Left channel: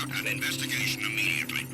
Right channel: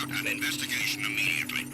out an investigation immediately.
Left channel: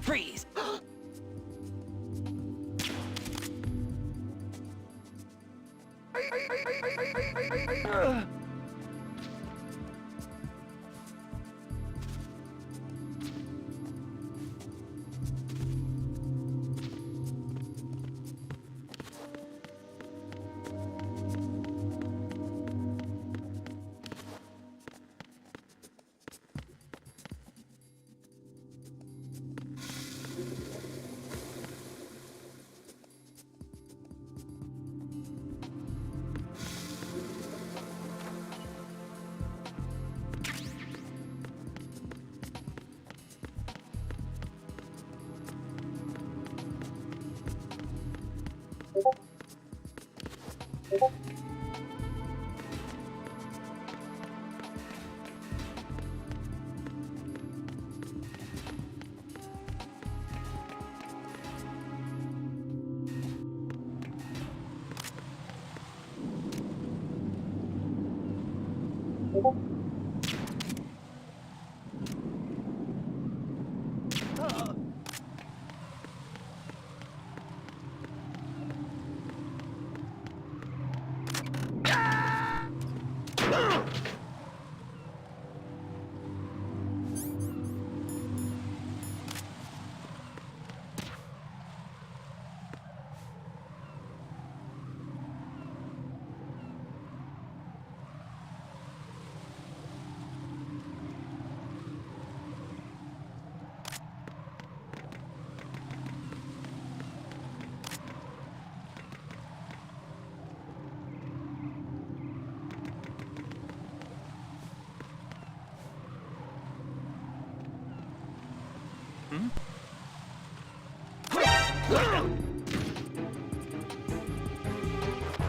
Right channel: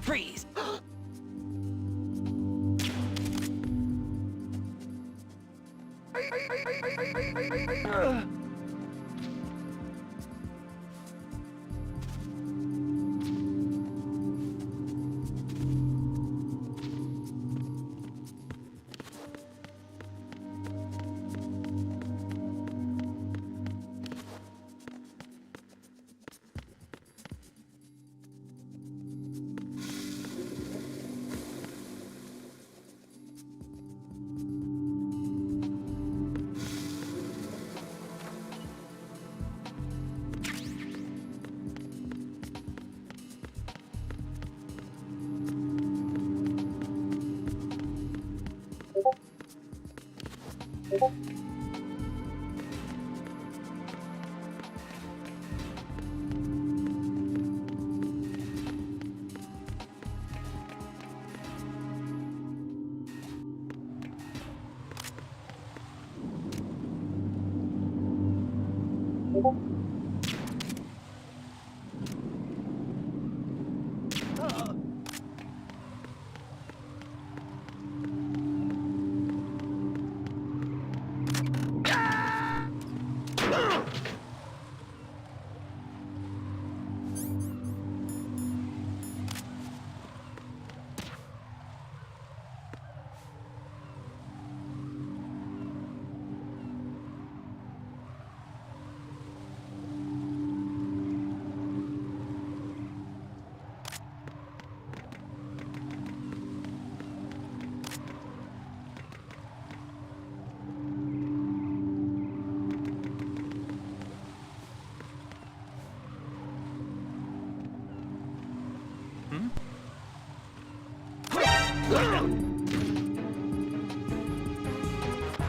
Freeze!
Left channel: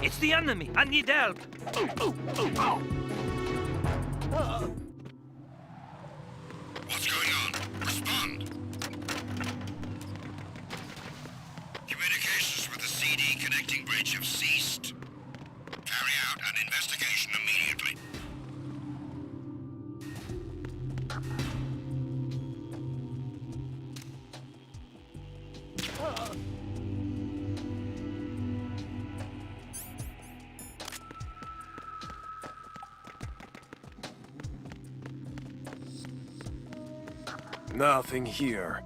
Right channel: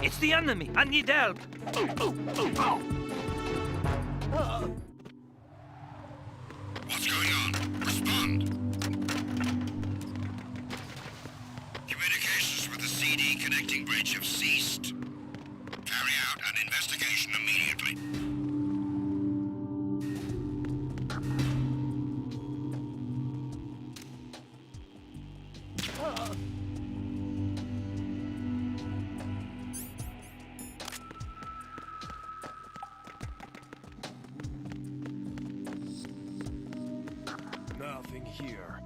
It's the enemy! I need help! What's going on? Respond! Communications with the CD connecting bridge have ceased. Carry out an investigation immediately. Nothing here.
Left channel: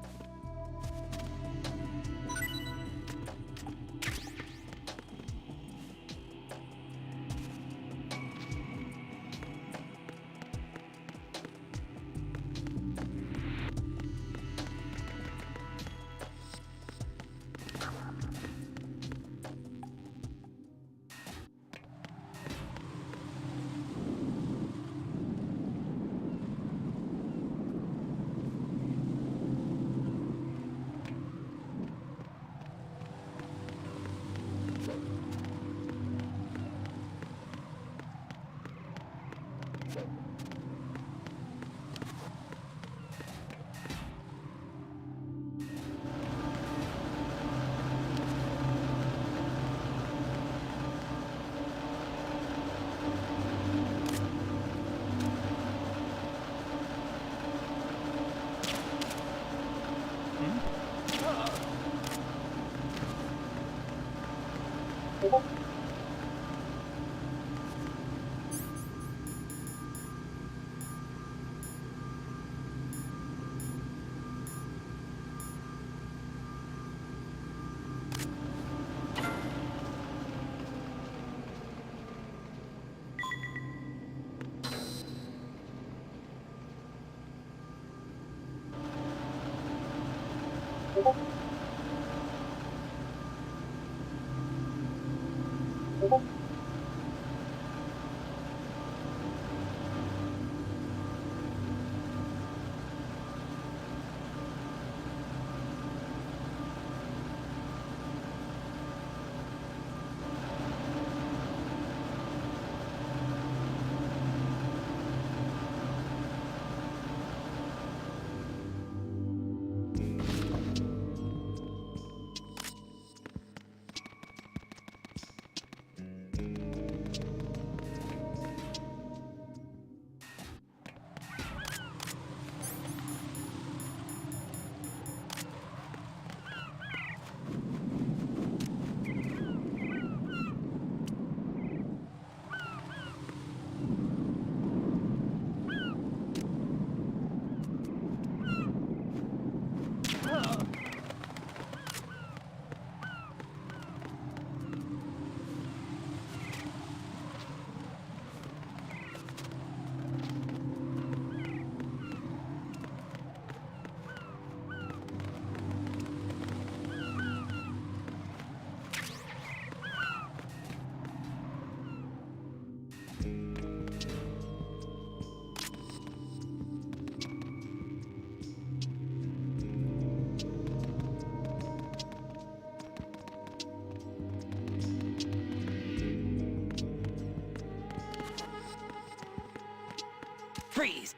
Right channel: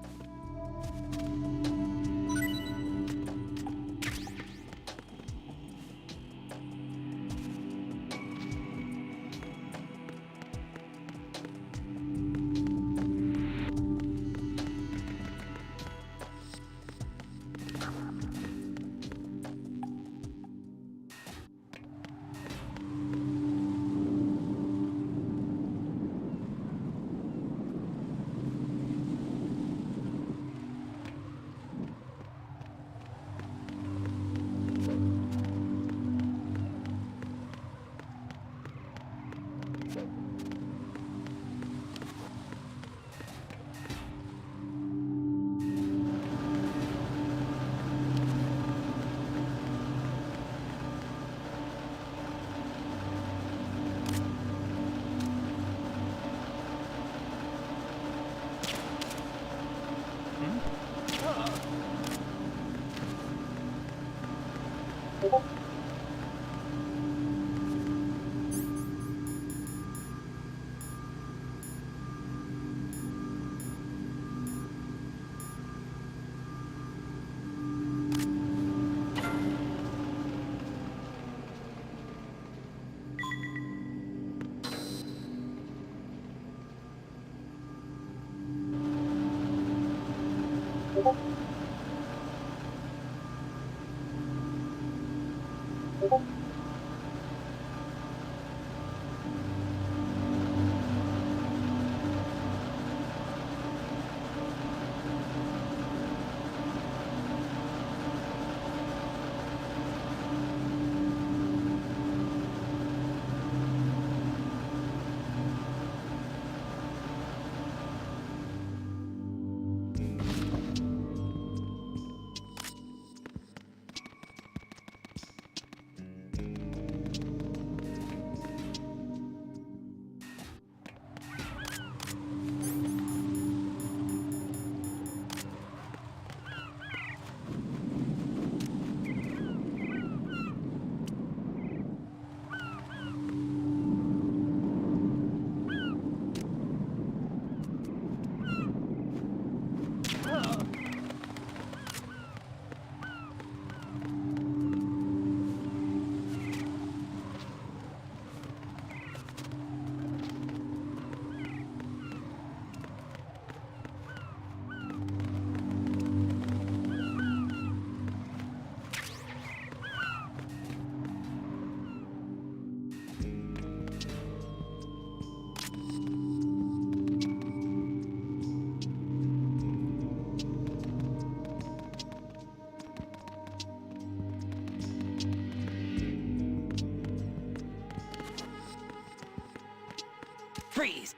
Freeze!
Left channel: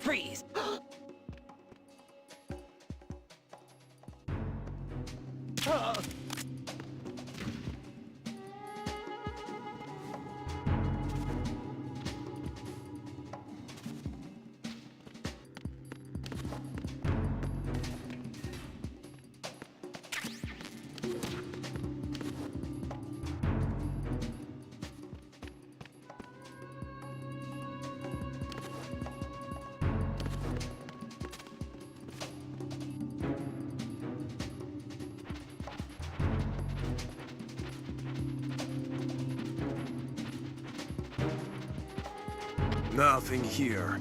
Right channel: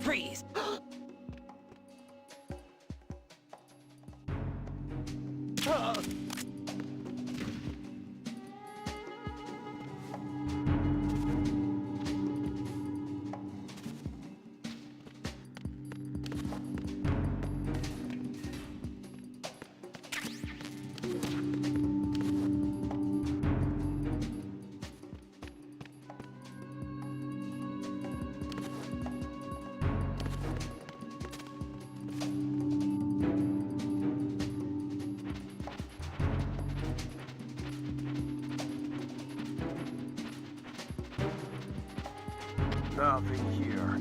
Freeze! Nothing here.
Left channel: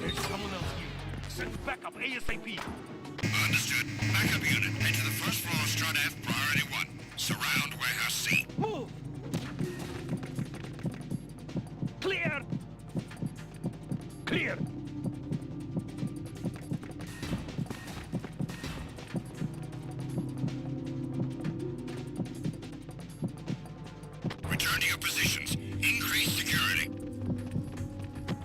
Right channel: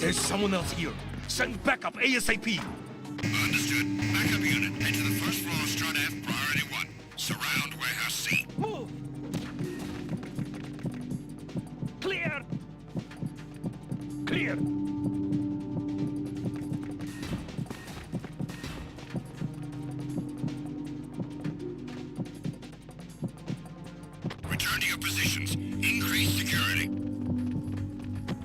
There's someone else here. Send backup ASAP. Understood. Backup unit. Head to the first floor, Strut F, priority 1. Surround warehouse C. Move! Clear! Clear! Return to your positions. Increase security.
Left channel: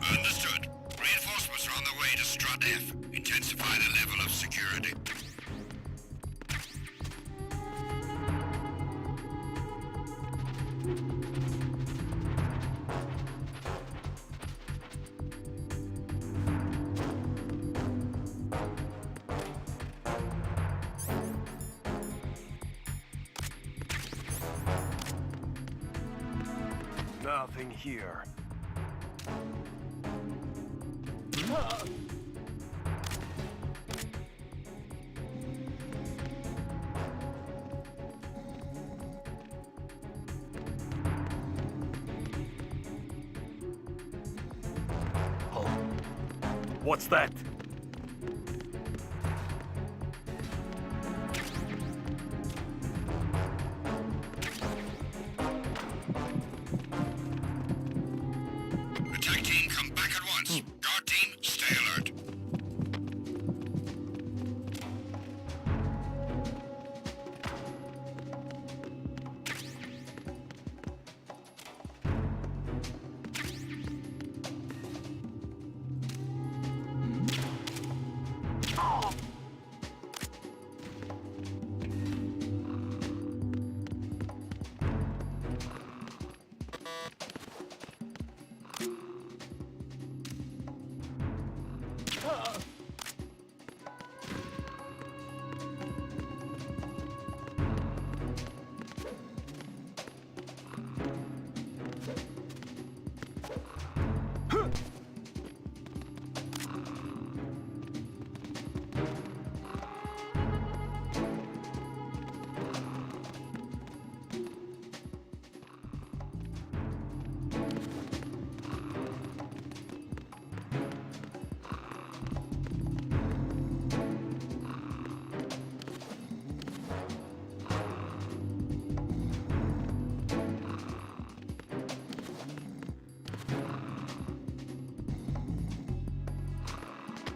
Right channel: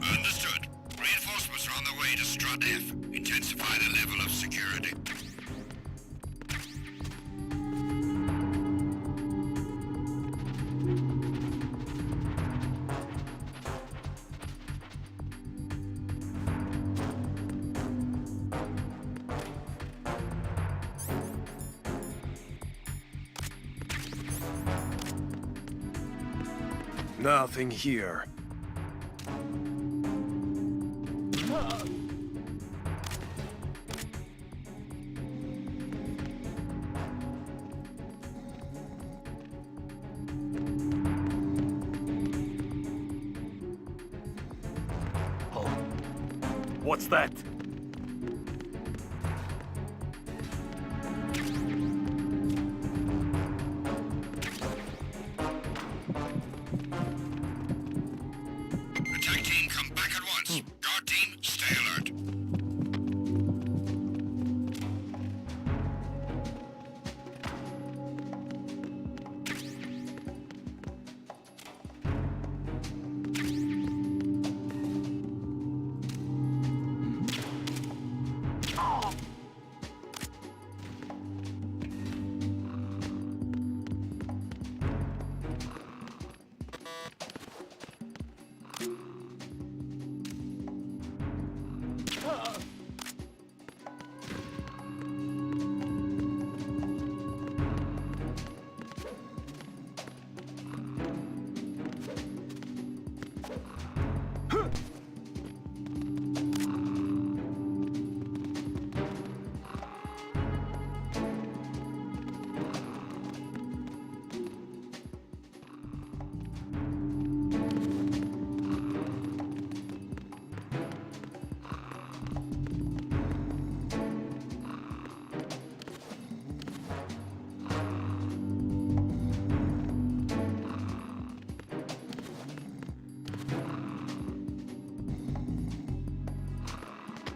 Understood. Reinforcements are on the way to Strut F. Intensify the level of security. Nothing here. What's that? Attack team, come back at once. Guard team, stay alert.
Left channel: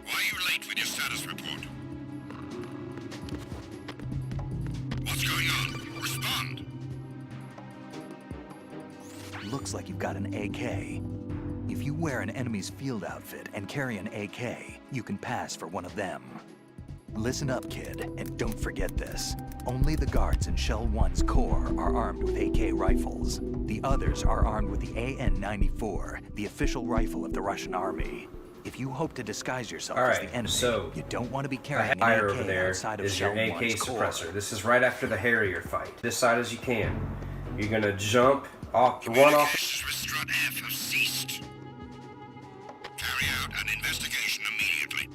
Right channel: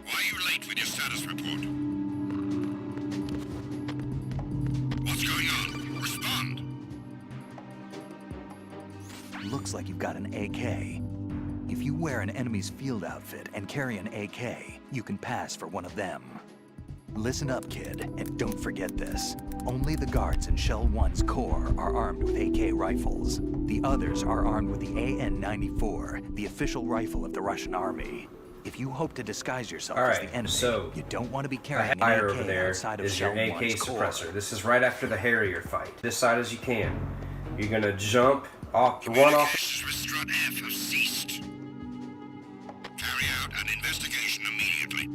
Why are you late with your status report? What's going on? Respond! Looks like you've got an AK. If you wear an enemy's field outfit and carry an AK, you can pass for one of them. Listen up, kid, and don't forget this. Only the guards in Shell 1's Corps are armed with AK rifles. The others are armed with the AN-94, the official rifle of the Russian army. If you hope to disguise yourself as the enemy, so you don't want to be The carrying an fire AK over there outside of is your Shell AK 1's Corps. suppressor. This is right after the Harrier fight. This side as you can. You're gonna jump off, run off. Communications with Strut F have ceased. Carry out an investigation immediately.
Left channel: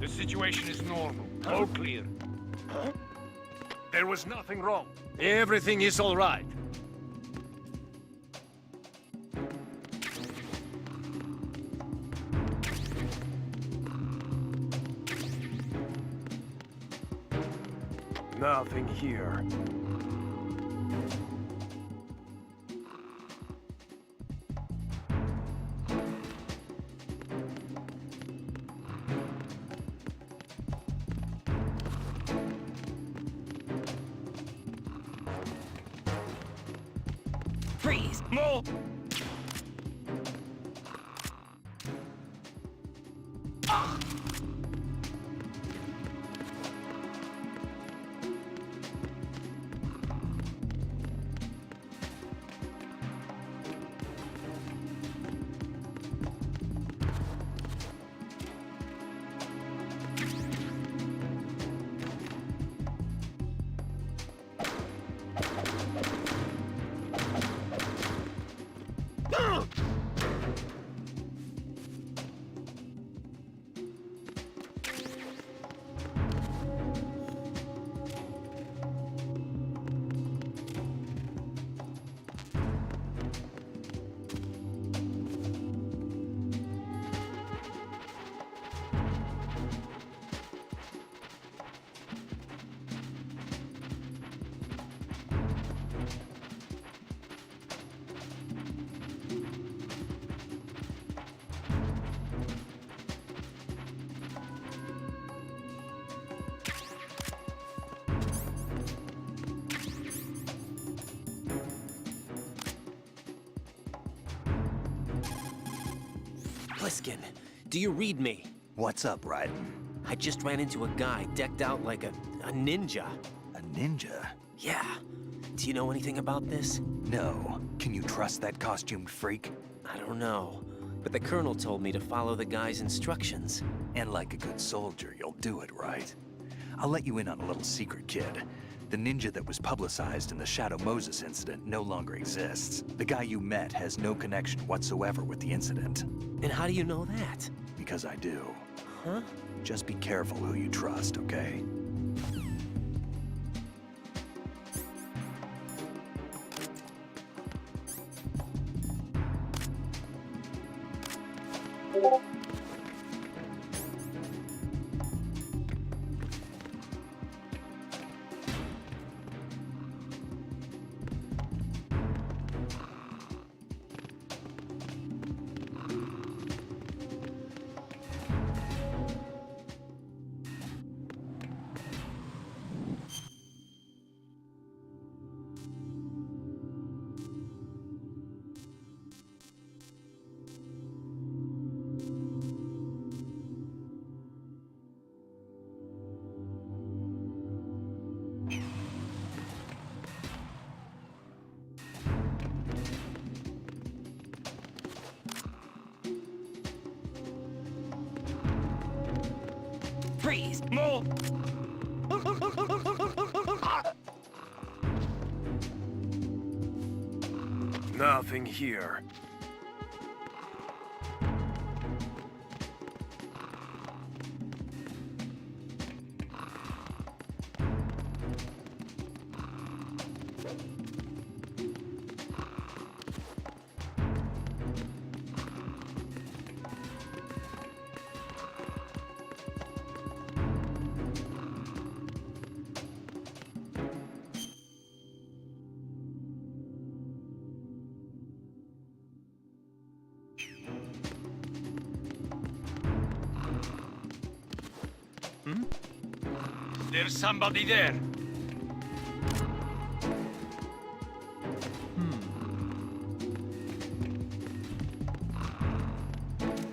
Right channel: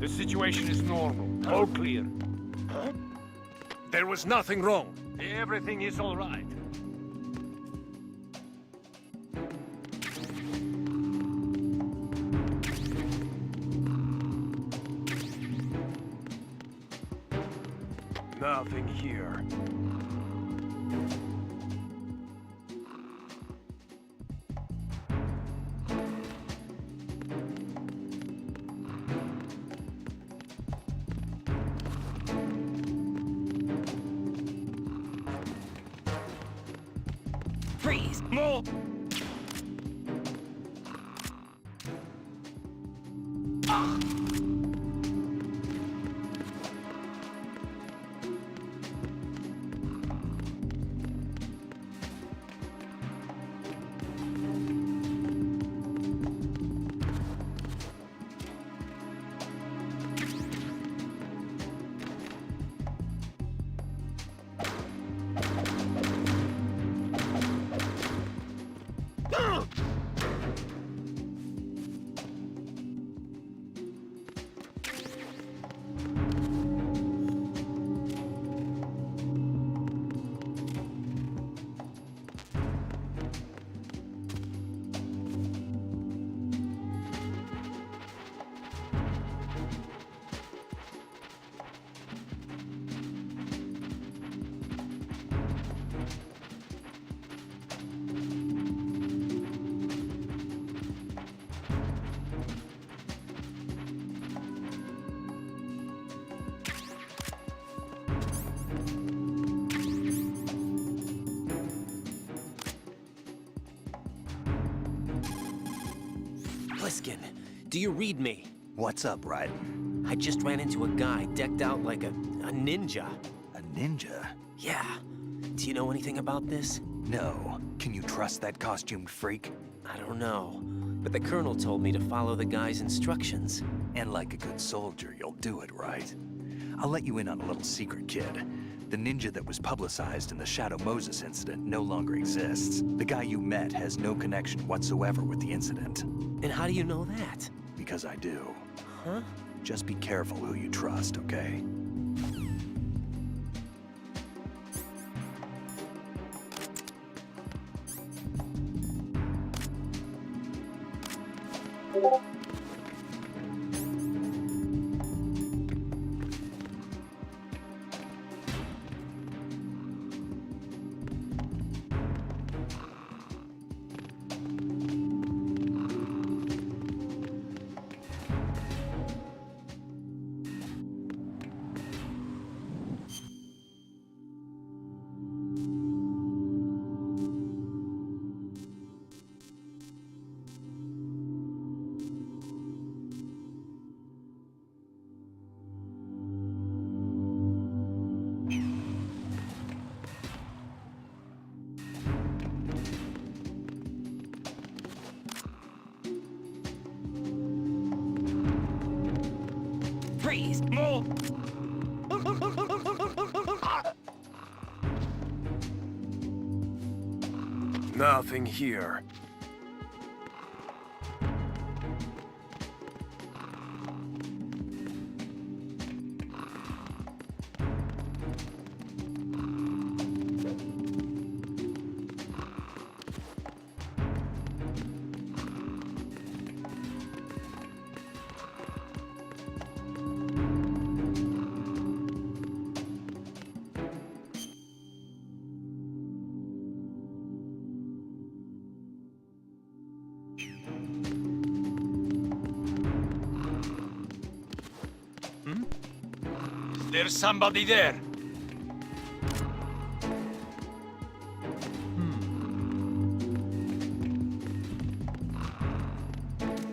The situation is normal. All clear. There was nothing wrong. Everything is all right. Nothing here. Freeze. No! Pliskin, do you read me? What's up, Ryden? I just ran into a guy decked out like a ninja. A ninja? Yeah. Do you know anything about this? No. Can you trust that costumed freak? I don't know. But the colonel told me to follow the guy's instructions. And like a good soldier, you'll do it, right? I'll let you in on a little secret, kid. The ninja that was publicized in the Shadow Moses incident no longer exists. The guy you met has no connection whatsoever with the incident. And how do you know that? Because I do. Huh? Just be careful who you trust, okay? Freeze! More! Nothing here. There's somebody there.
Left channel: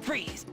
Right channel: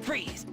Freeze!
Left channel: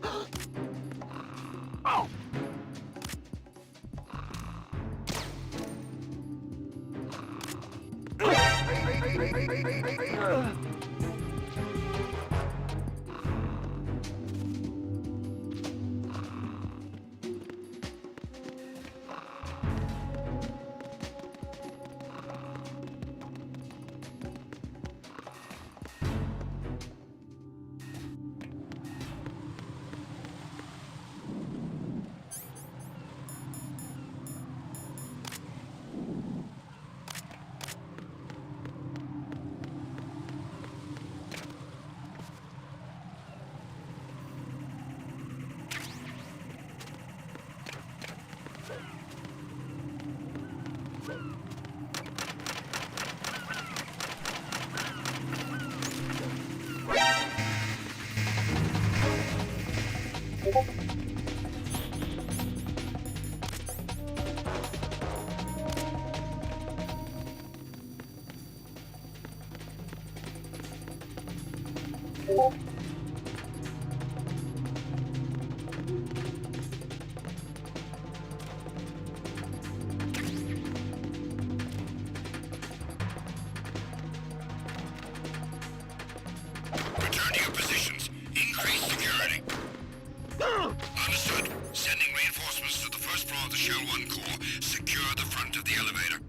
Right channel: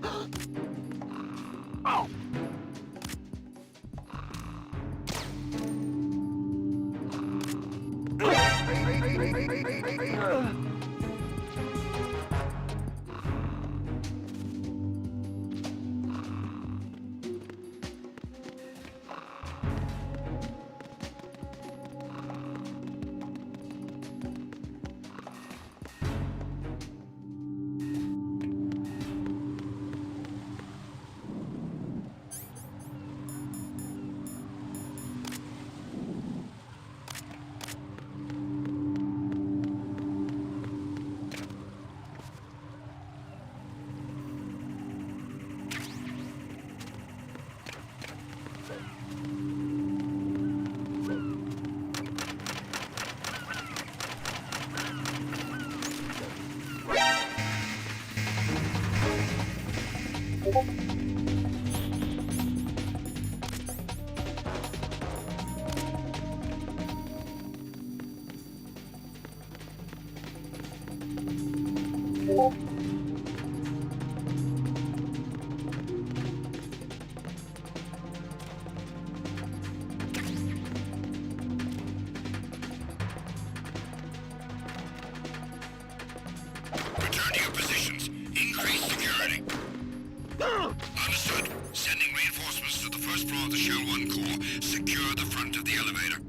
Oh! Return to your positions. Increase security. Understood. Sending reinforcements to the first floor of the Shell 1 core. Secure the front of the elevator.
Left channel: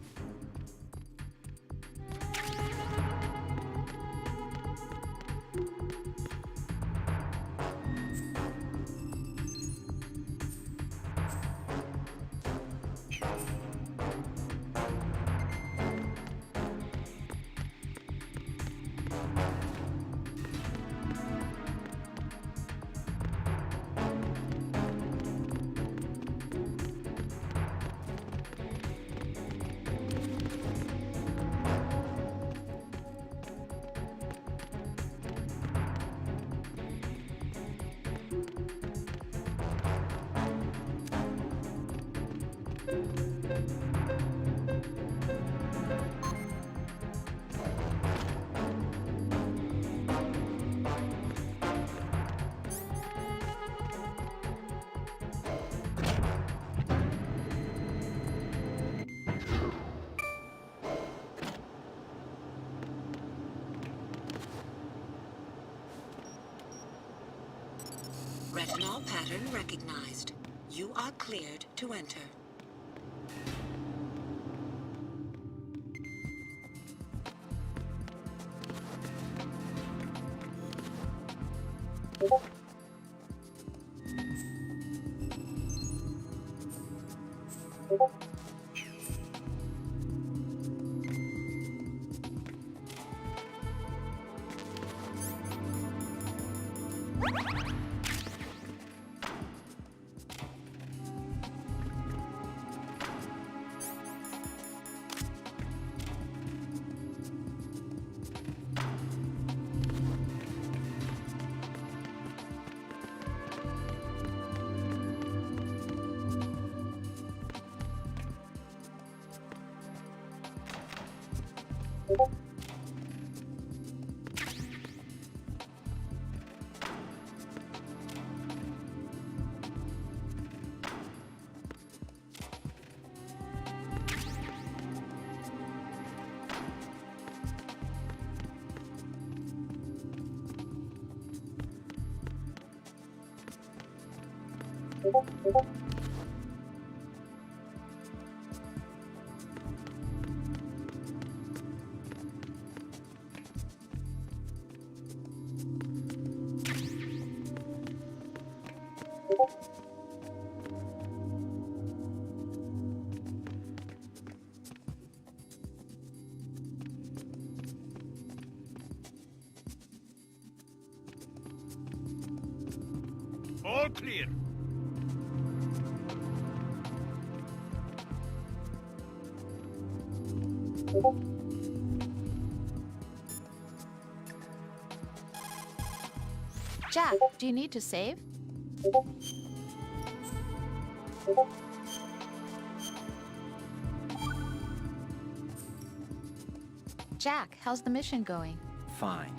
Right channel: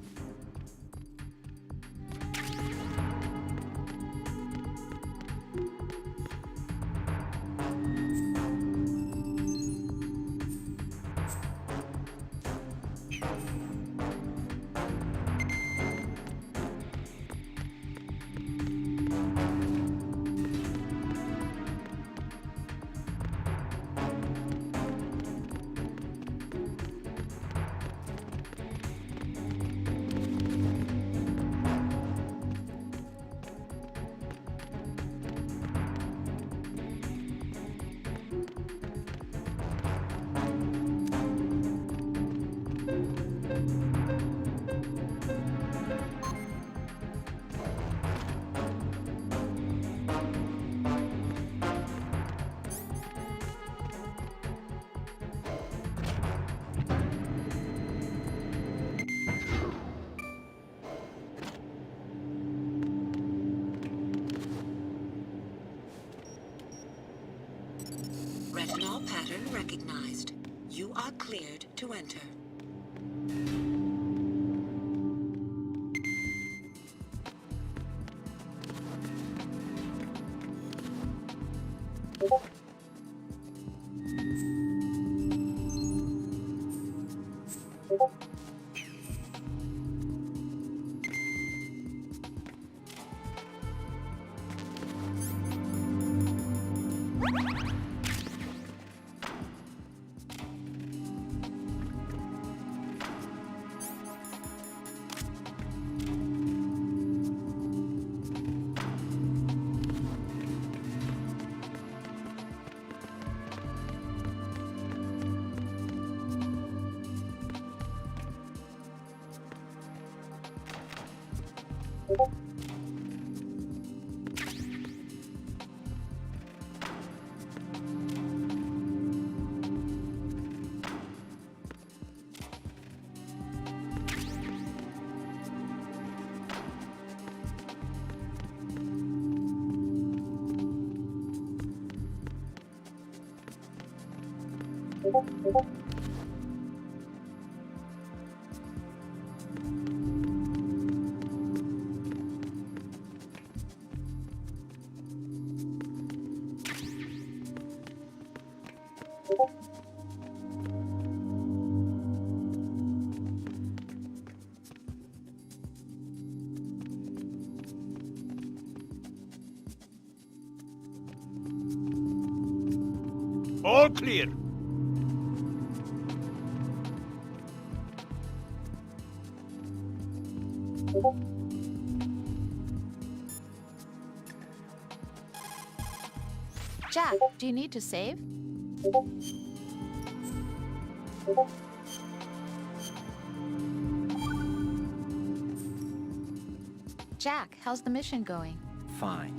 Retinol pattern recognized. You are cleared to enter. All clear. Jack, do you need to save? Jack, how's the mission going? Fine.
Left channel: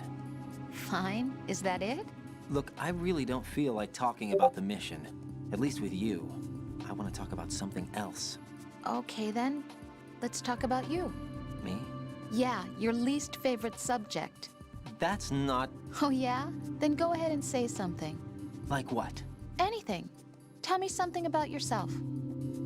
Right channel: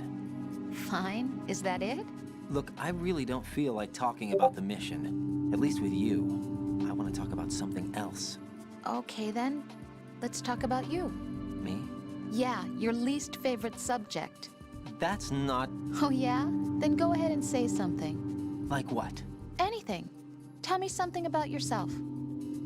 Fine? Is that it? Look, I really don't feel like talking about the mission. At least with you. I want to talk about something else. Okay then, let's talk about you. Me? Yeah, your least favorite subject. That's not... Oh yeah? Then go ahead and say something. Like what? Anything. Tell me something about yourself.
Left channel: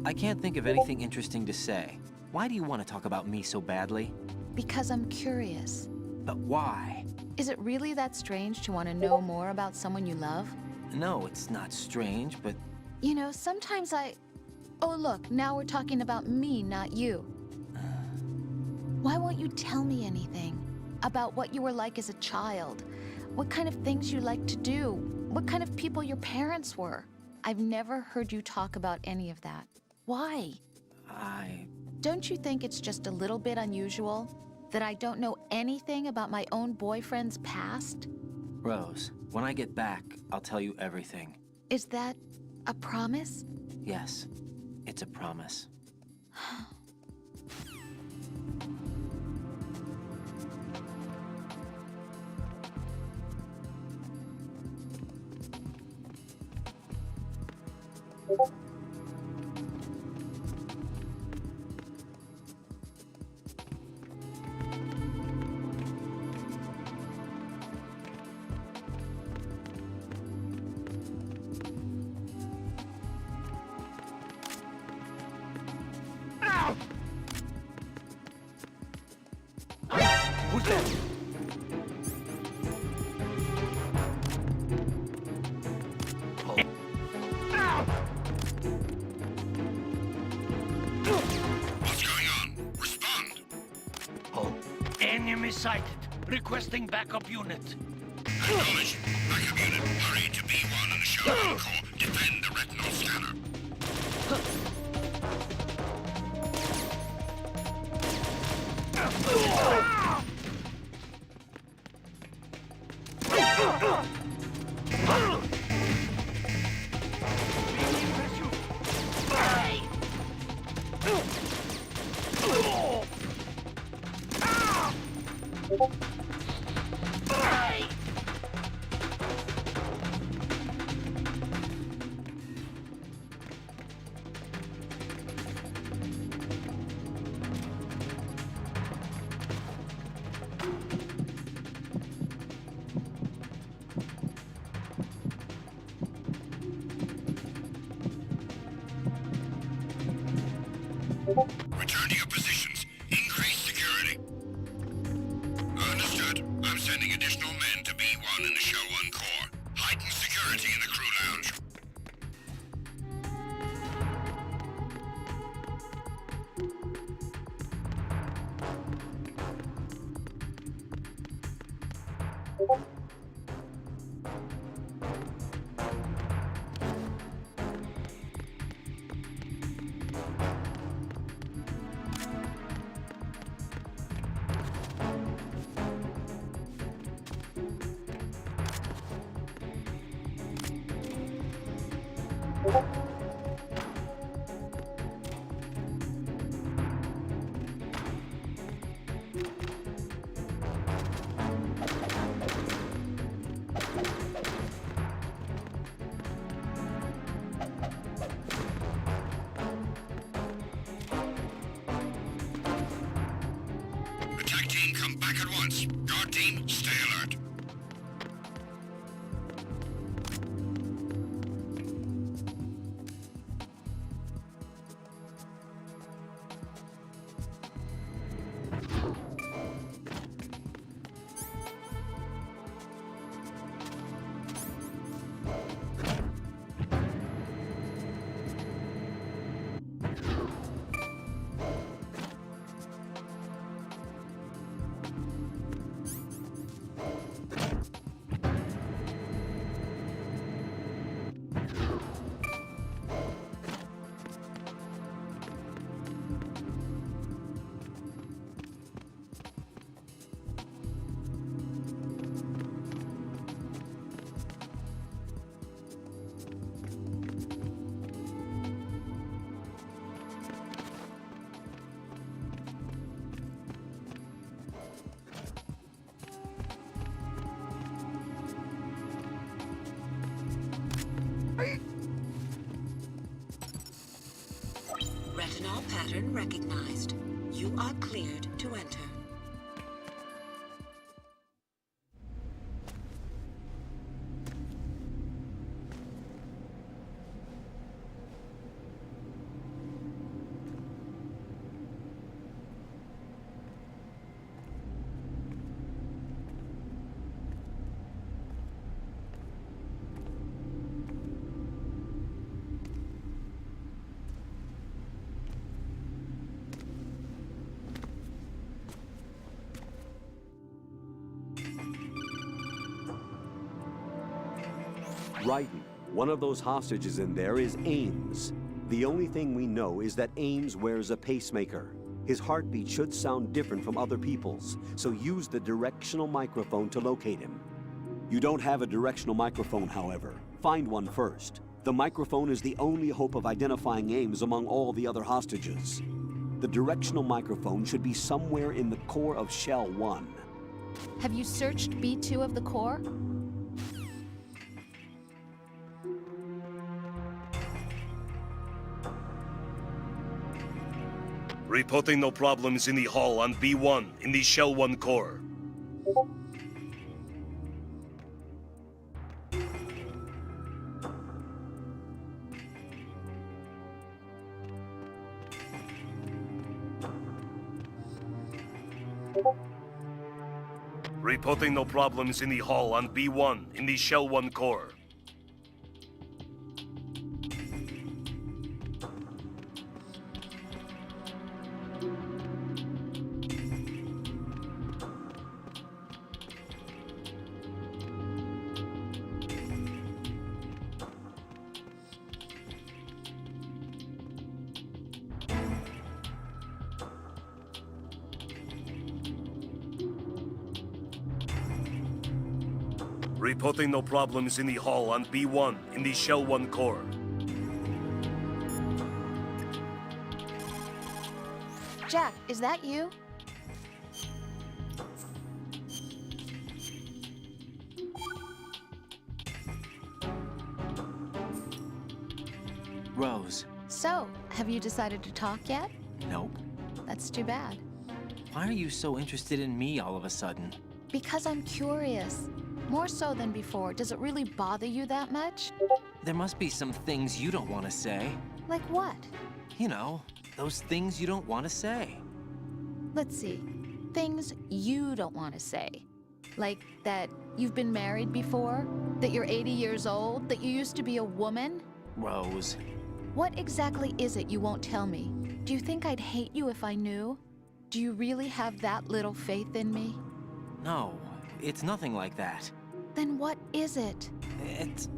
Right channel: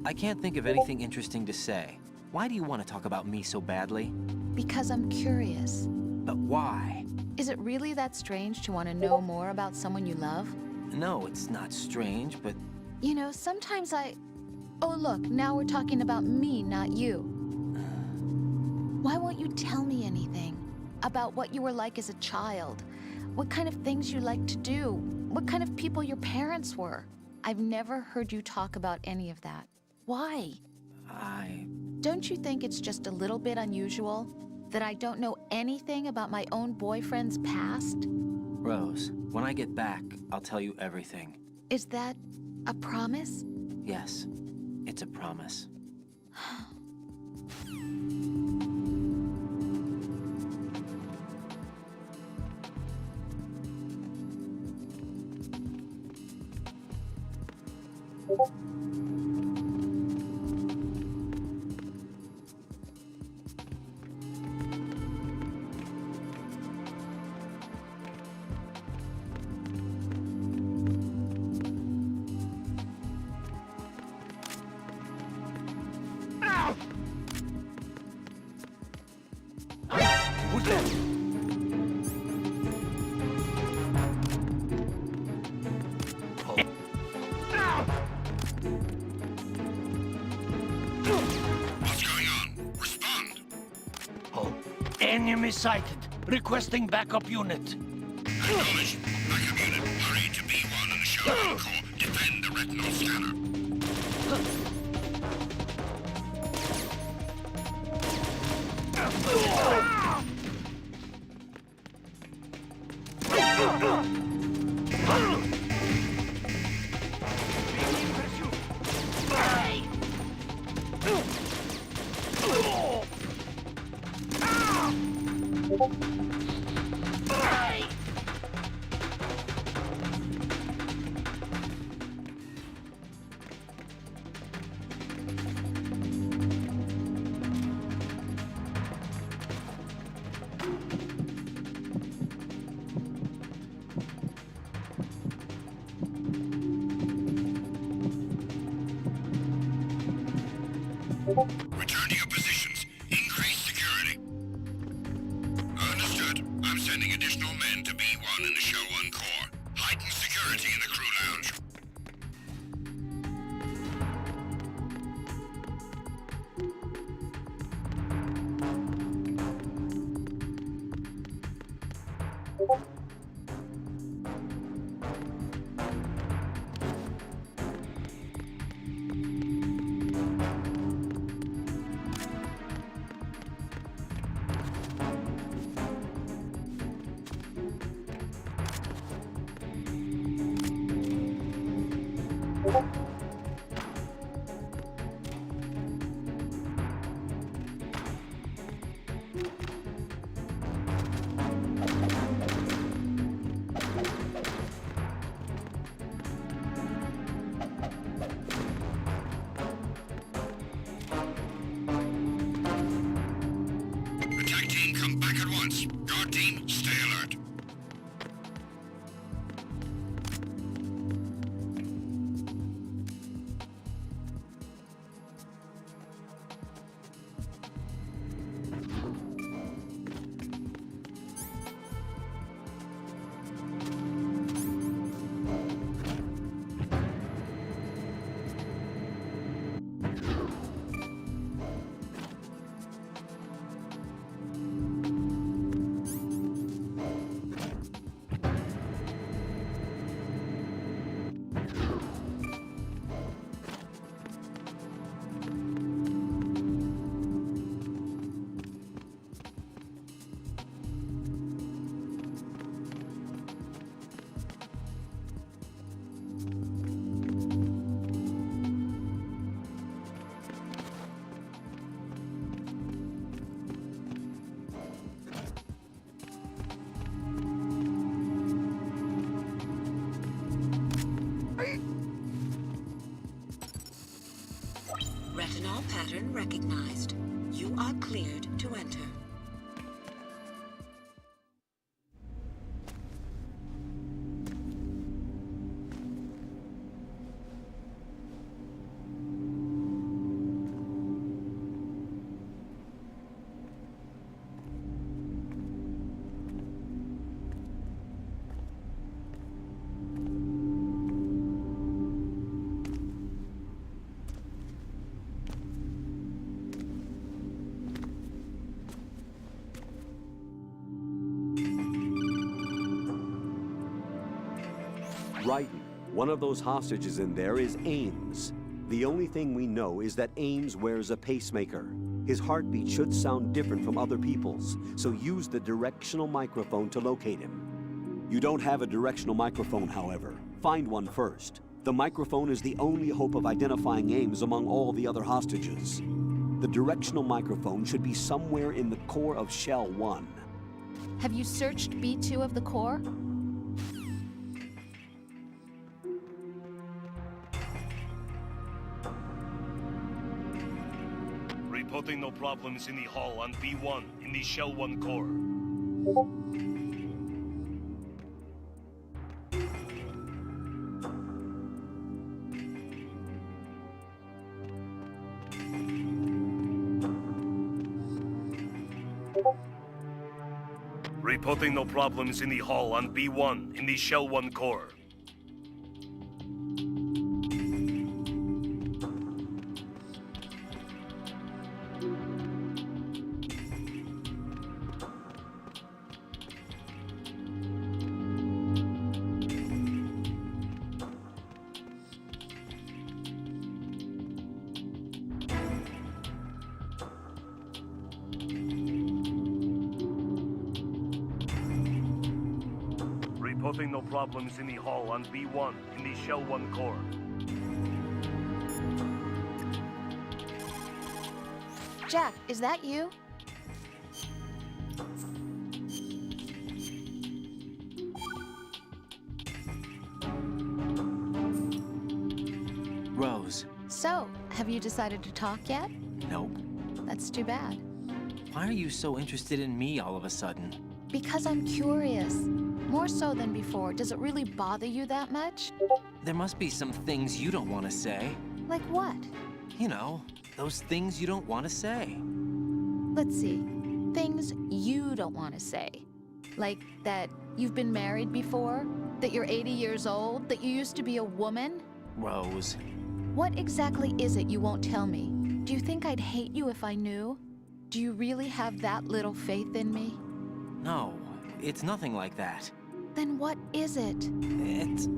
I can't think of anything interesting to say. Why do you want to talk about me so badly? Because I'm curious. But why? Is it really that strange to want to know more about someone you love? No, it's not strange, but... You know, sometimes Oh look, now we're talking about me, not you. Why won't you tell me anything? About what you were like as a child? What kind of things you liked to do? What kind of people your parents were? I've never heard you talk about any of that. Why? Don't you think it's just a little bit unusual that I don't know anything about my own boyfriend's past? Rose, when I get back, I'll tell you everything. Is that a promise? Yes, it's a promise. Who's that? What's going on? Respond! Enemy sighted. Requesting backup unit. Acknowledged. Backup unit. Hurry to B1 and assure Encore. Defend the retinal scanner. Return to your positions. Increase security. Understood. I'm sending additional men to B1 in the Show 1 core. Heighten security in the crew lounge. Attack team, come back at once. Guard team, stay alert. Retinol pattern recognized. You are cleared to enter. Right. One of those hostages in there is Ames. The only thing we know is that Ames wears a pacemaker. His heartbeat should sound different from other people's, so use the directional microphone to locate him. You don't have a directional microphone, however. Find one first. The microphone is the only hope of identifying Ames among all the other hostages. The directional microphone should be somewhere in the core of Shell 1. Have you searched B2 of the core? Reporting no problems in the hall on B1 in the Shell 1 core. Reporting no problems in the hall on B1 in the Shell 1 core. Reporting no problems in the hall on B1 in the Shell 1 core. Jack, is that you? Rose. So, have you decided to talk yet? Nope. That's too bad. Why are you so interested in me all of a sudden? Because I'm curious. More so than before. Does it really bother you that much? There must be some things you don't want to say. Like what? You know, Those things you don't want to say. Let's see. Things you don't want to say. Like that you've been married before? That you're 80 years old? That you used to be a woman? Rose. What exactly is it you won't tell me? Do you think I'd hate you if I knew? Do you really have that little faith in me? No, it's nothing like that. Then what is it? It's...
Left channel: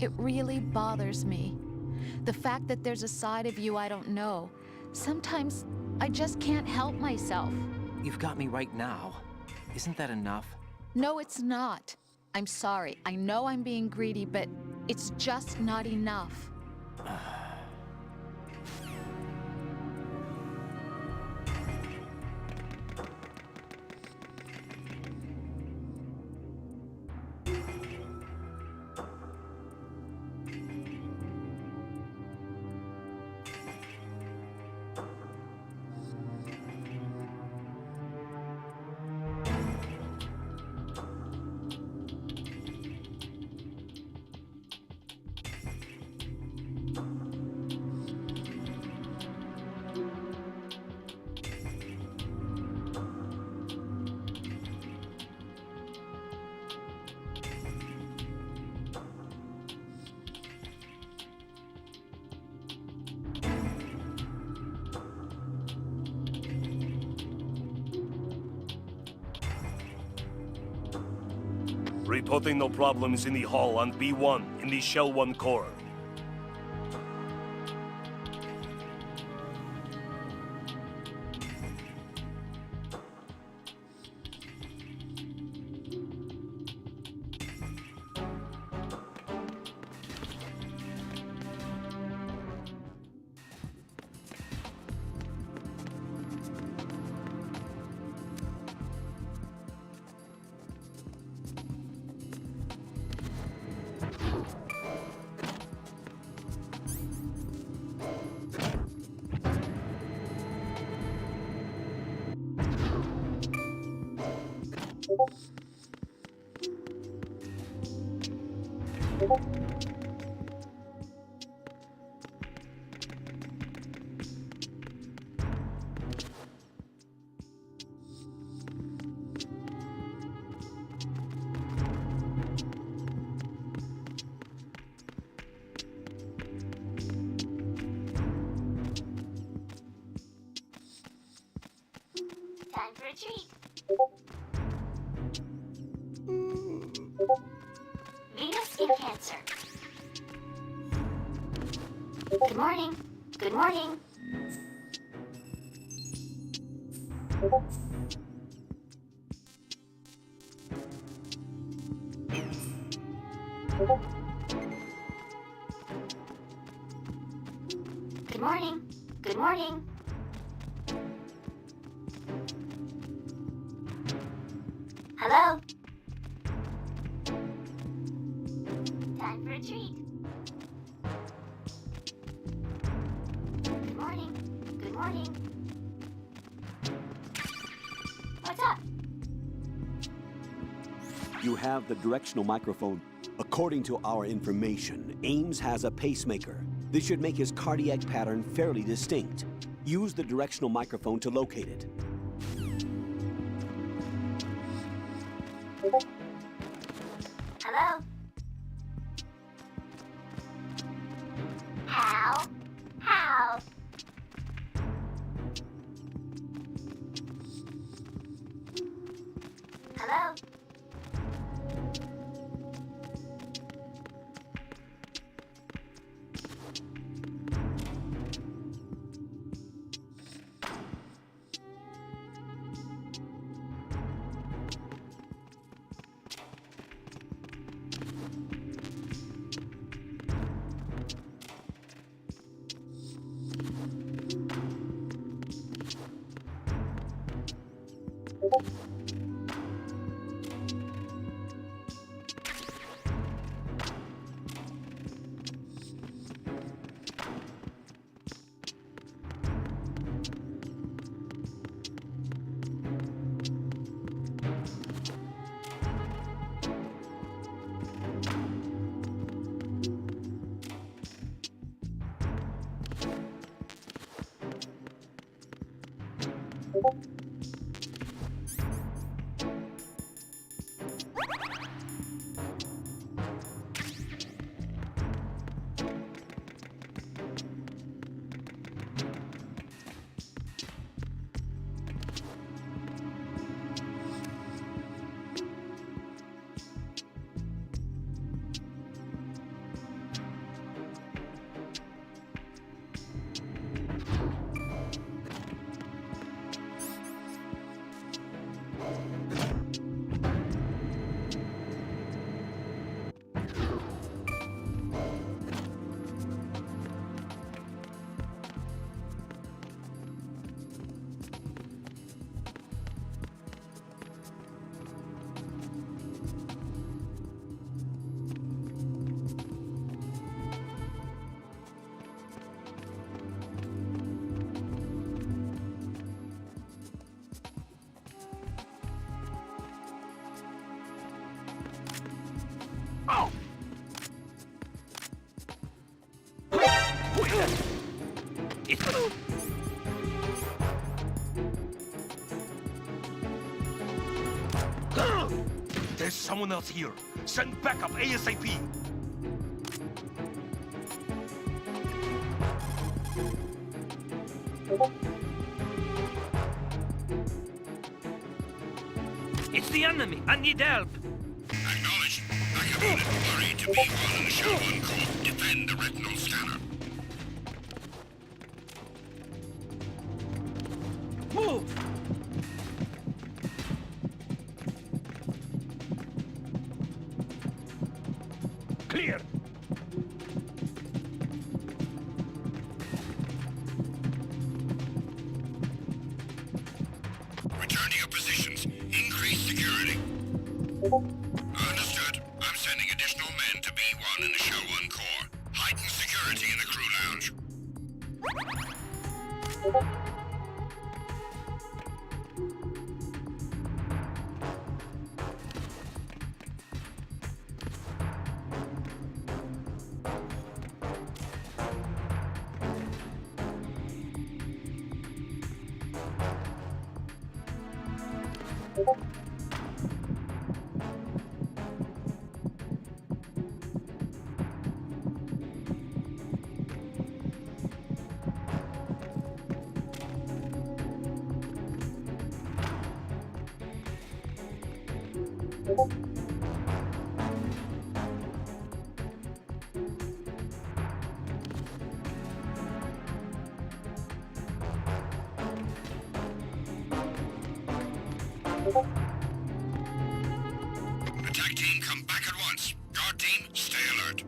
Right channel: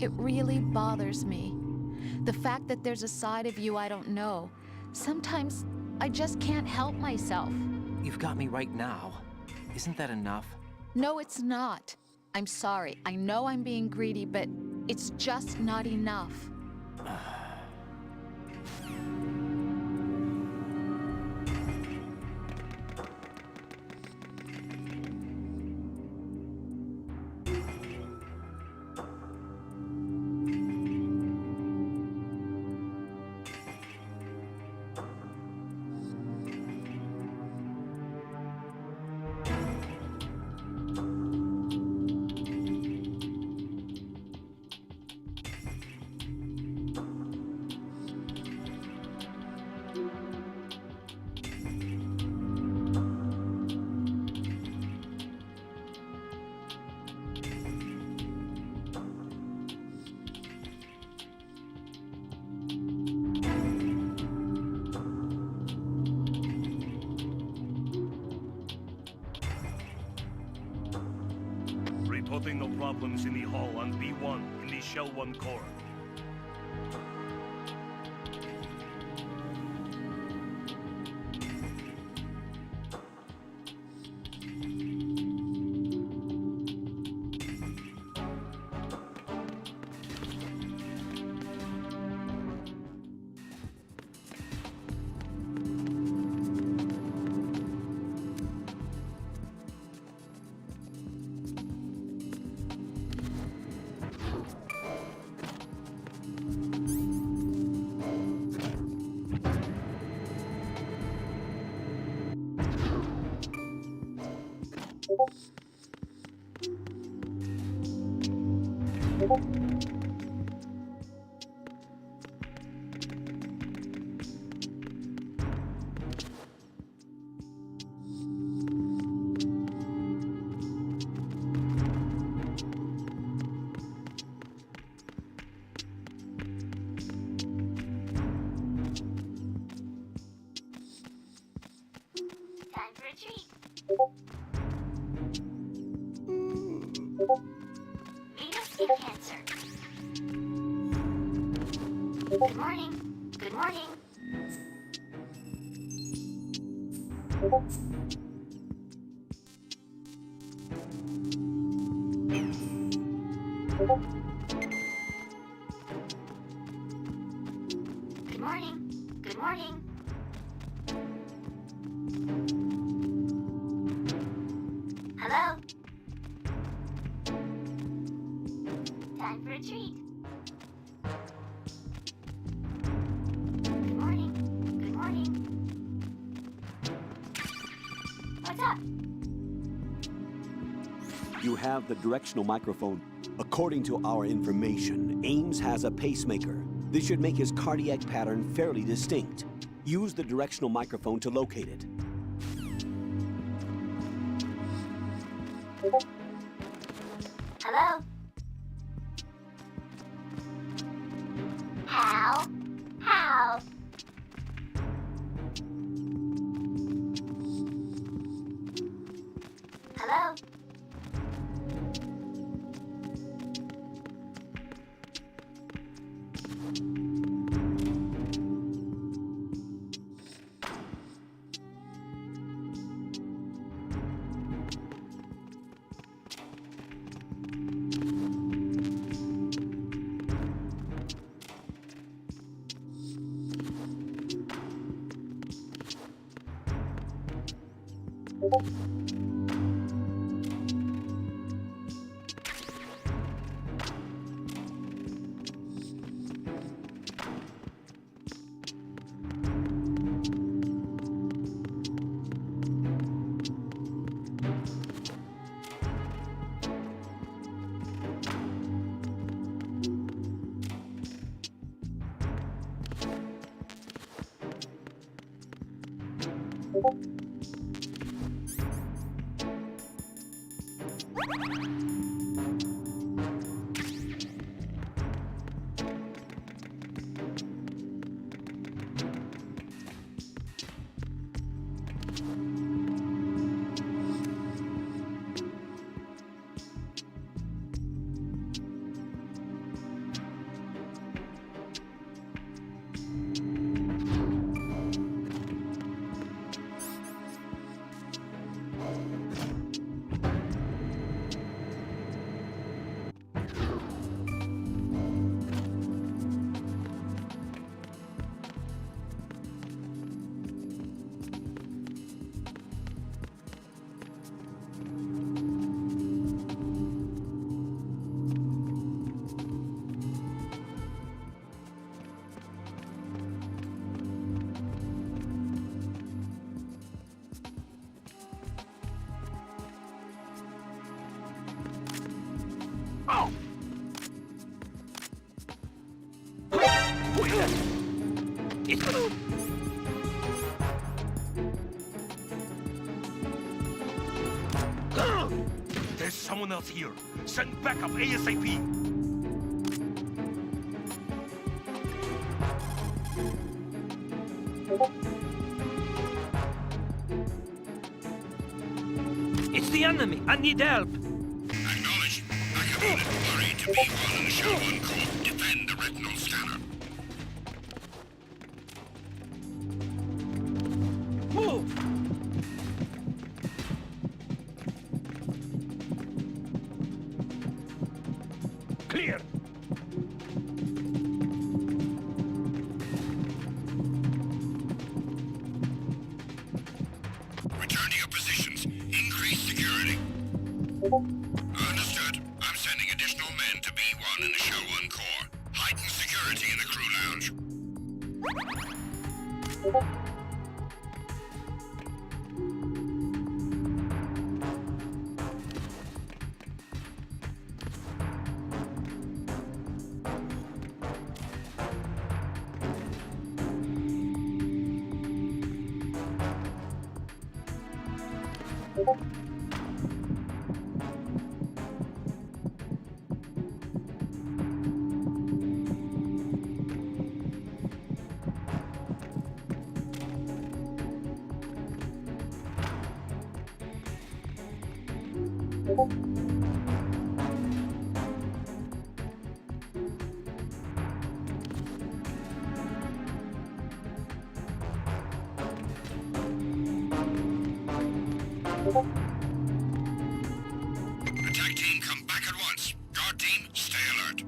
It really bothers me. The fact that there's a side of you I don't know. Sometimes I just can't help myself. You've got me right now. Isn't that enough? No, it's not. I'm sorry. I know I'm being greedy, but it's just not enough. Reporting no problems in the hall on B1 in the Shell 1 core. Time for a treat. Venus skin cancer. Good morning. Good morning. Good morning. Good morning. Hello? Time for a treat. Good morning. Good morning. What's up? You have the directional microphone. According to our information, Ames has a pacemaker. This should make his cardiac pattern fairly distinct. Use the directional microphone to locate it. Hello? How? How? Hello? There's someone else here. Send backup ASAP. It's the enemy. I need help. Acknowledged. Backup unit worried to B1 in the Shell 1 core. Defend the retinal scanner. Move! Clear! Return to your positions. Increase security. Understood. I'm sending additional men to B1 in the Shell 1 core. Heighten security in the crew lounge. Attack team, come back at once. Guard team, stay alert.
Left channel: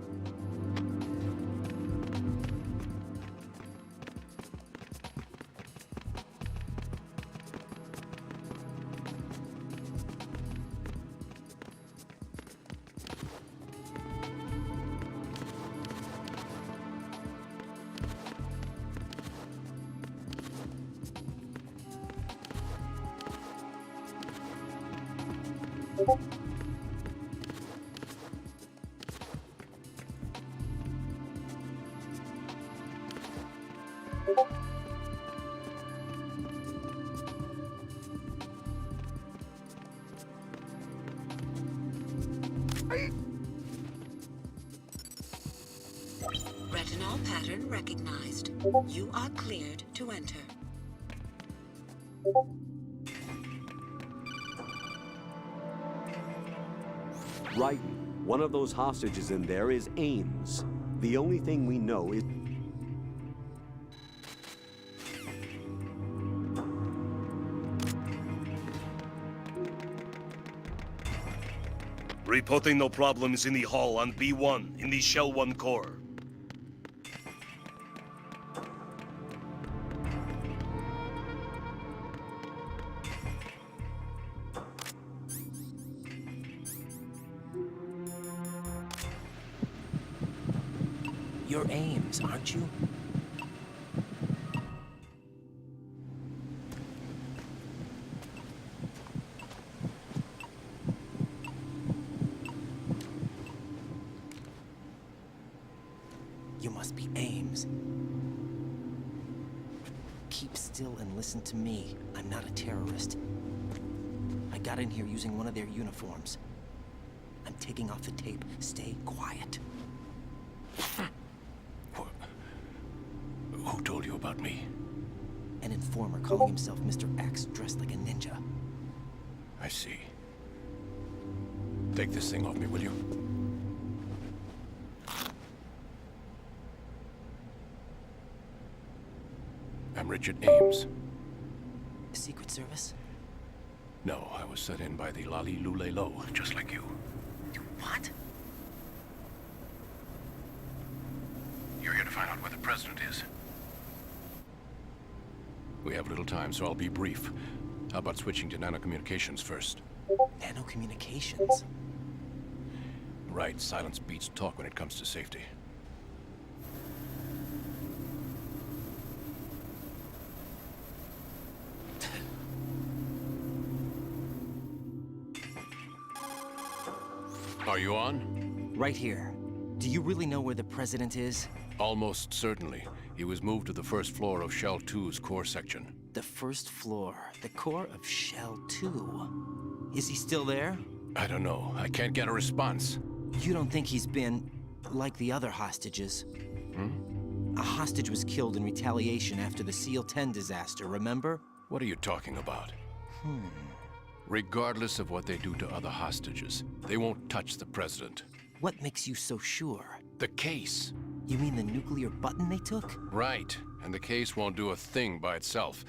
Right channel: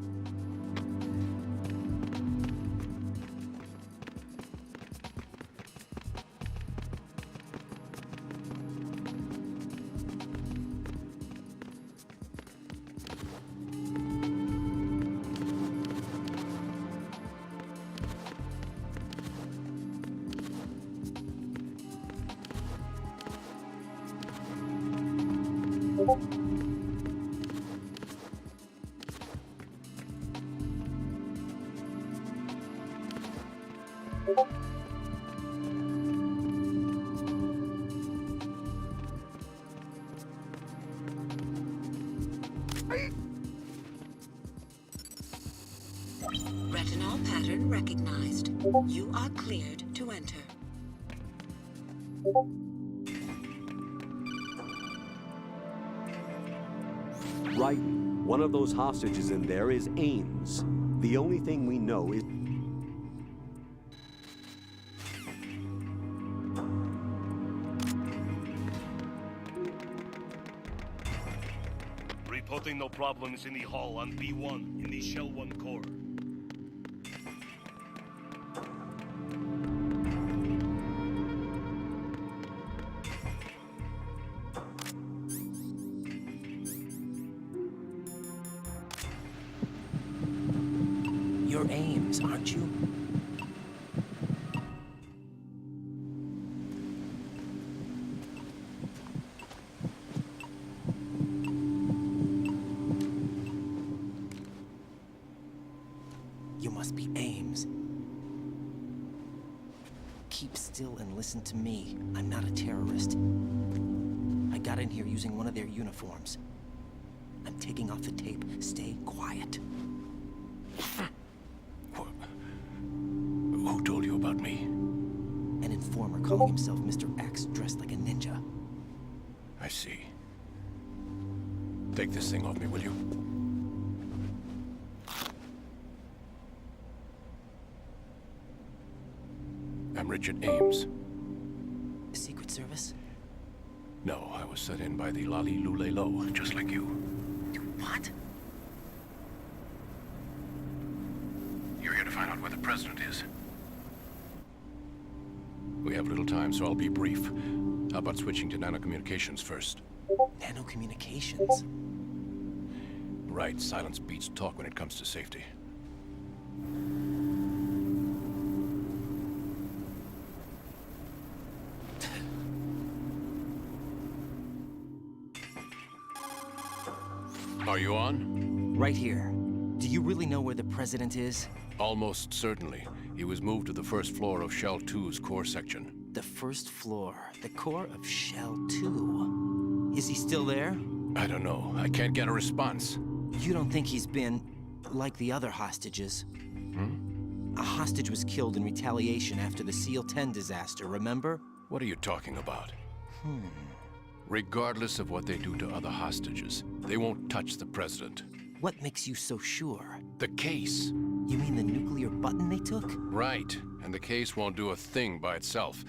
Retinol pattern recognized. You are cleared to enter. Right. One of those hostages in there is Ames. The only thing we know is... Reporting no problems in the hall on B1 in the Shell 1 core. You're Ames, aren't you? You must be Ames. keep still and listen to me. I'm not a terrorist. I got in here using one of their uniforms. I'm taking off the tape. Stay quiet. Who told you about me? An informer calling himself Mr. X, dressed like a ninja. I see. Take this thing off me, will you? I'm Richard Ames. Secret Service? No, I was set in by the Lali Lule Lo, just like you. What? You're here to find out where the president is. We have little time, so I'll be brief. How about switching to nanocommunications first? Nanocommunications? Right, silence beats talk when it comes to safety. Are you on? Right here. Do you really know where the president is? Almost certainly. He was moved to the first floor of Shell 2's core section. The first floor. The core of Shell 2. Is he still there? I don't know. I can't get a response. You don't think he's been like the other hostages? A hostage was killed in retaliation after the SEAL 10 disaster, remember? What are you talking about? Regardless of what they do to other hostages, they won't touch the president. What makes you so sure? The case. You mean the nuclear button they took? Right. And the case won't do a thing by itself.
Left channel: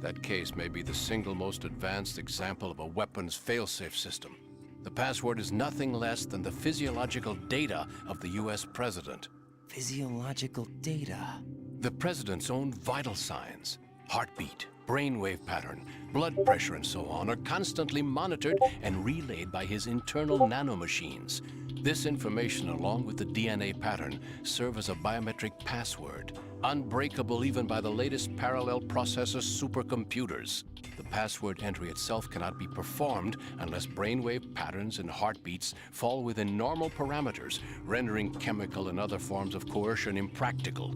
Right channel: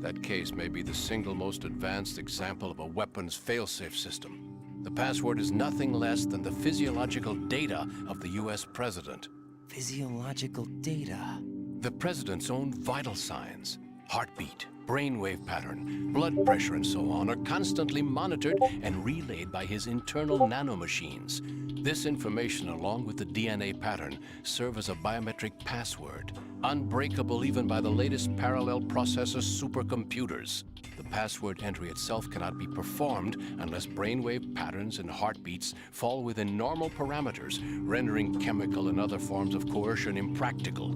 That case may be the single most advanced example of a weapons failsafe system. The password is nothing less than the physiological data of the US president. Physiological data? The president's own vital signs, heartbeat, brainwave pattern, blood pressure, and so on, are constantly monitored and relayed by his internal nanomachines. This information, along with the DNA pattern, serve as a biometric password, unbreakable even by the latest parallel processor supercomputers. The password entry itself cannot be performed unless brainwave patterns and heartbeats fall within normal parameters, rendering chemical and other forms of coercion impractical.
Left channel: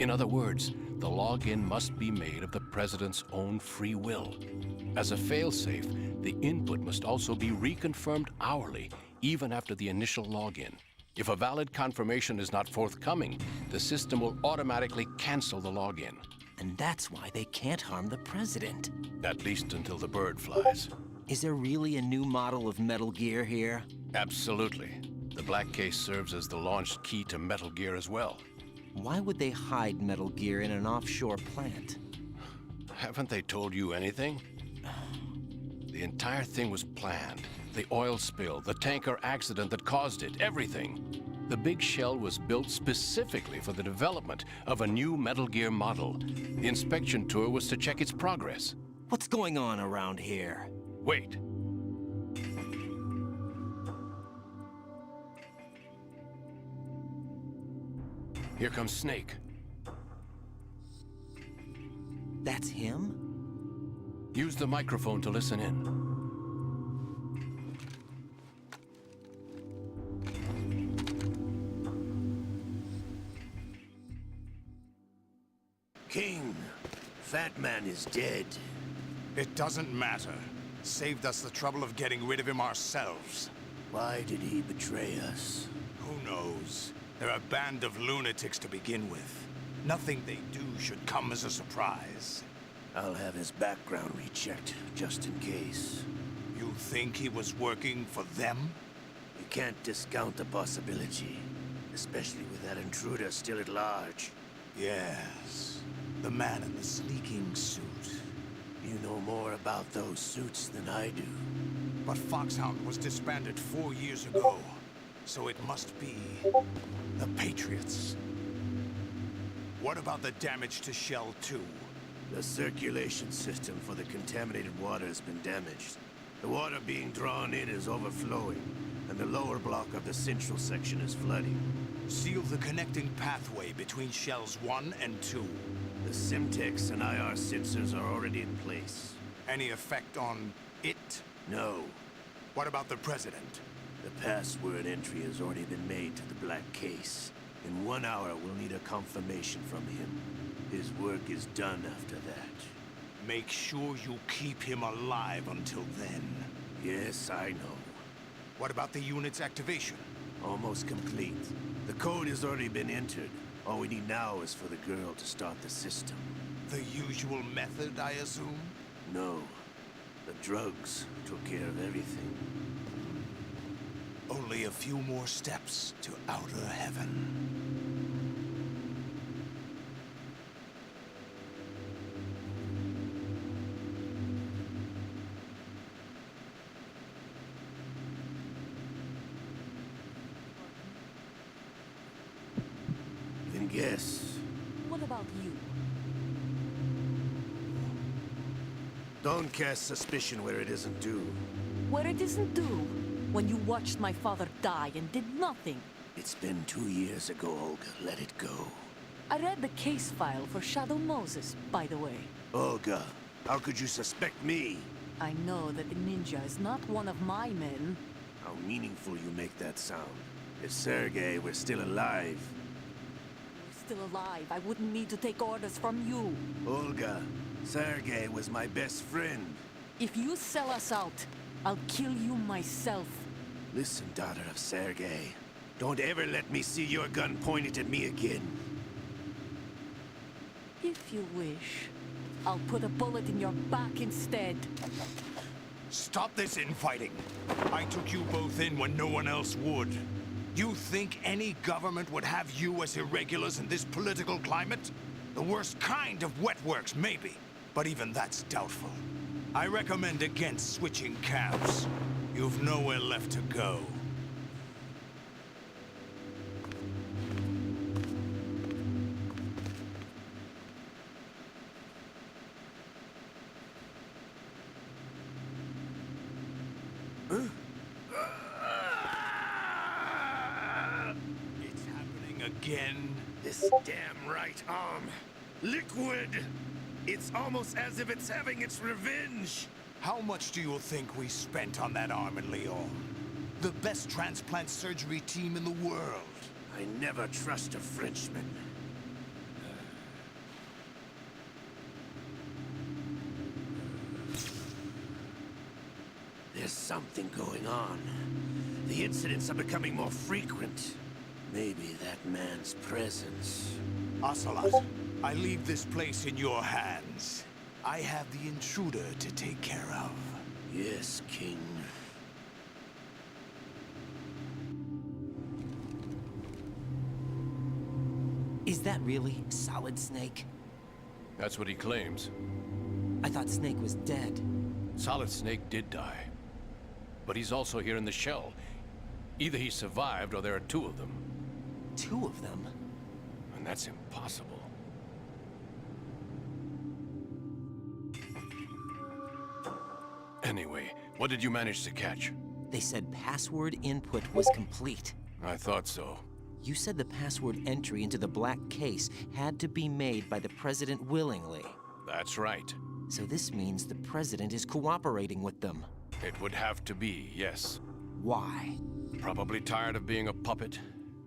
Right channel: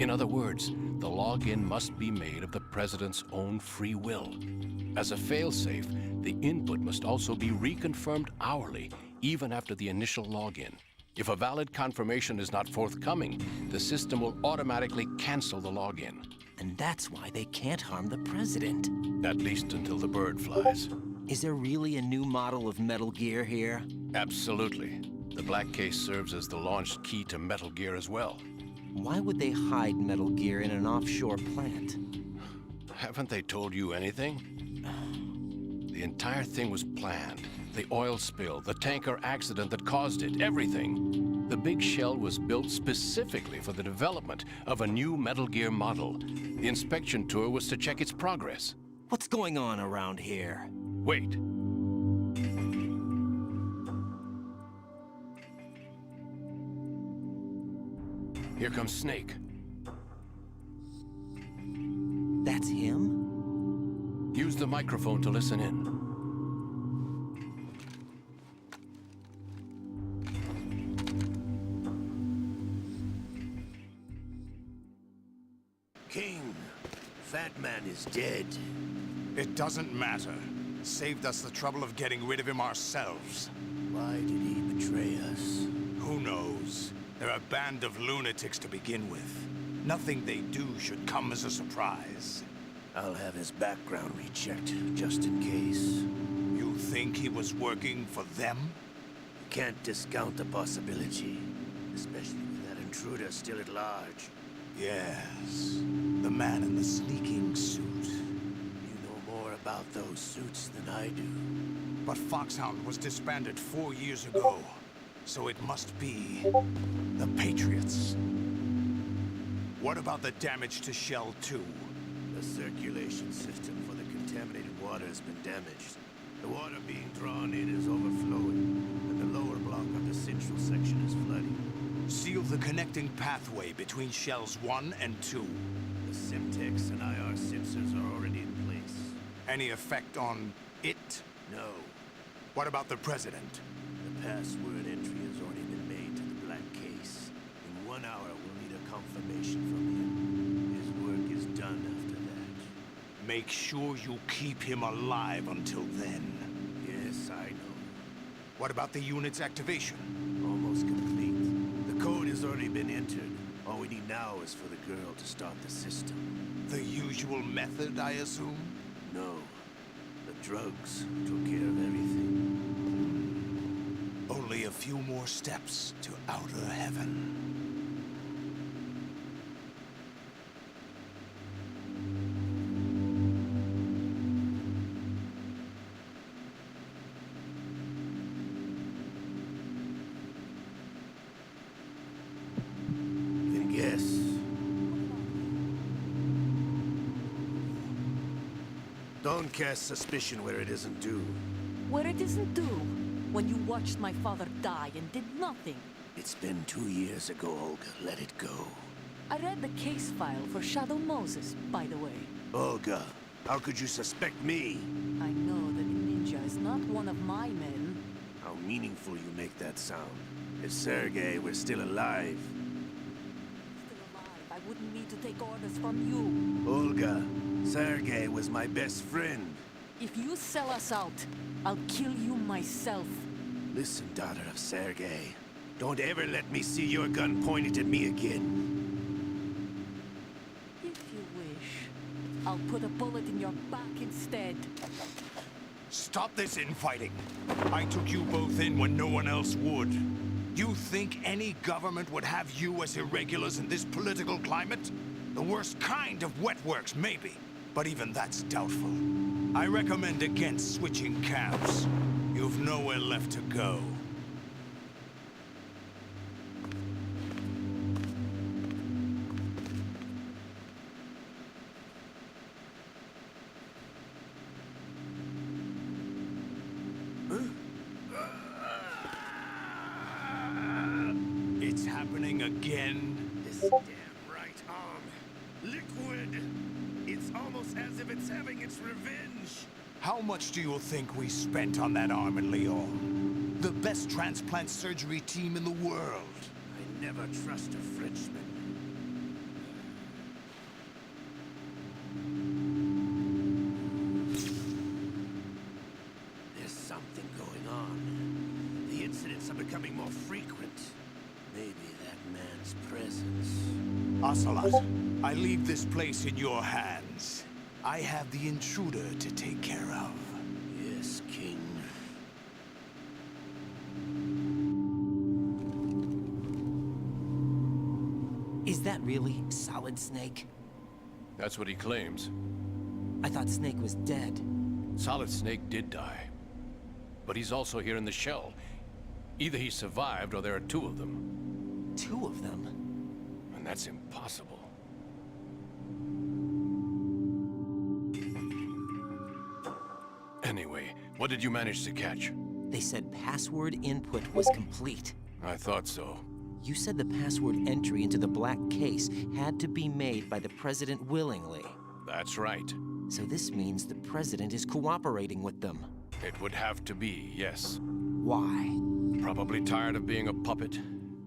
In other words, the login must be made of the president's own free will. As a failsafe, the input must also be reconfirmed hourly, even after the initial login. If a valid confirmation is not forthcoming, the system will automatically cancel the login. And that's why they can't harm the president. At least until the bird flies. Is there really a new model of Metal Gear here? Absolutely. The black case serves as the launch key to Metal Gear as well. Why would they hide Metal Gear in an offshore plant? Haven't they told you anything? The entire thing was planned. The oil spill, the tanker accident that caused it, everything. The big shell was built specifically for the development of a new Metal Gear model. The inspection tour was to check its progress. What's going on around here? Wait. Here comes Snake. That's him? Use the microphone to listen in. King, Fat Man is dead. It doesn't matter. Saved us the trouble of getting rid of him ourselves. Why did he betray us? Who knows? They're a band of lunatics to begin with. Nothing they do should come as a surprise. I'll have his background rechecked, just in case. You think he was working for them? You can't discount the possibility, especially with that intruder still at large. Yes, the man in the sneaking suit. You know more about those suits than I do. But Foxhound was disbanded 4 years ago, so it must be the Patriots. What about the damage to Shell 2? The circulation system for the contaminated water has been damaged. The water being drawn in is overflowing, and the lower block of the central section is flooding. Seal the connecting pathway between Shells 1 and 2. The Simtex and IR sensors are already in place. Any effect on it? No. What about the President? The password entry has already been made to the black case. In 1 hour, we'll need a confirmation from him. His work is done after that. Make sure you keep him alive until then. Yes, I know. What about the unit's activation? Almost complete. The code has already been entered. All we need now is for the girl to start the system. The usual method, I assume? No. The drugs took care of everything. Only a few more steps to outer heaven. Then guess. What about you? Don't cast suspicion where it isn't due. Where it isn't due? When you watched my father die and did nothing. It's been 2 years ago, Olga. Let it go. I read the case file for Shadow Moses, by the way. Olga, how could you suspect me? I know that the ninja is not one of my men. How meaningful you make that sound. If Sergei were still alive. Still alive, I wouldn't need to take orders from you. Olga, Sergei was my best friend. If you sell us out, I'll kill you myself. Listen, daughter of Sergei. Don't ever let me see your gun pointed at me again. If you wish, I'll put a bullet in your back instead. Stop this infighting. I took you both in when no one else would. You think any government would have you as irregulars in this political climate? The worst kind of wet works, maybe. But even that's doubtful. I recommend against switching camps. You've nowhere left to go. It's happening again. This damn right arm. Liquid! It's almost as if it's having its revenge. How much do you think we spent on that arm in Lyon? The best transplant surgery team in the world. I never trust a Frenchman. There's something going on. The incidents are becoming more frequent. Maybe that man's presence. Ocelot, I leave this place in your hands. I have the intruder to take care of. Yes, King. Is that really Solid Snake? That's what he claims. I thought Snake was dead. Solid Snake did die. But he's also here in the shell. Either he survived or there are two of them. Two of them? And that's impossible. Anyway, what did you manage to catch? They said password input was complete. I thought so. You said the password entry into the black case had to be made by the President willingly. That's right. So this means the President is cooperating with them. It would have to be, yes. Why? Probably tired of being a puppet,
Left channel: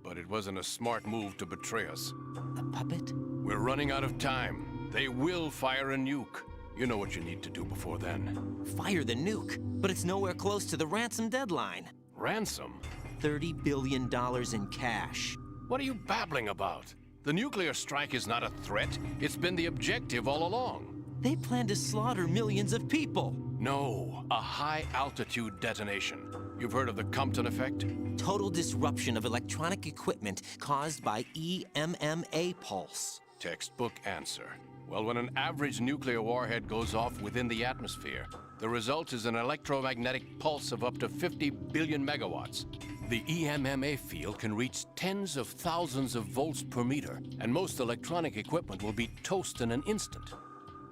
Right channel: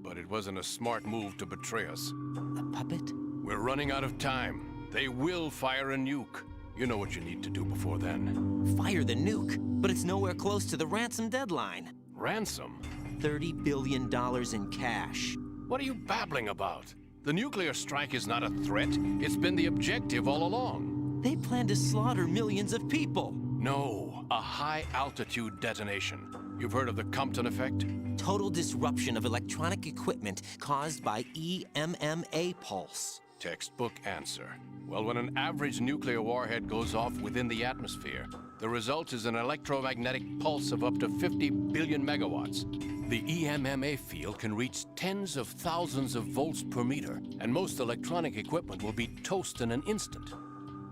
but it wasn't a smart move to betray us. A puppet? We're running out of time. They will fire a nuke. You know what you need to do before then. Fire the nuke? But it's nowhere close to the ransom deadline. Ransom? $30 billion in cash. What are you babbling about? The nuclear strike is not a threat. It's been the objective all along. They plan to slaughter millions of people. No, a high-altitude detonation. You've heard of the Compton effect? Total disruption of electronic equipment caused by EMMA pulse. Textbook answer. Well, when an average nuclear warhead goes off within the atmosphere, the result is an electromagnetic pulse of up to 50 billion megawatts. The EMMA field can reach tens of thousands of volts per meter, and most electronic equipment will be toast in an instant.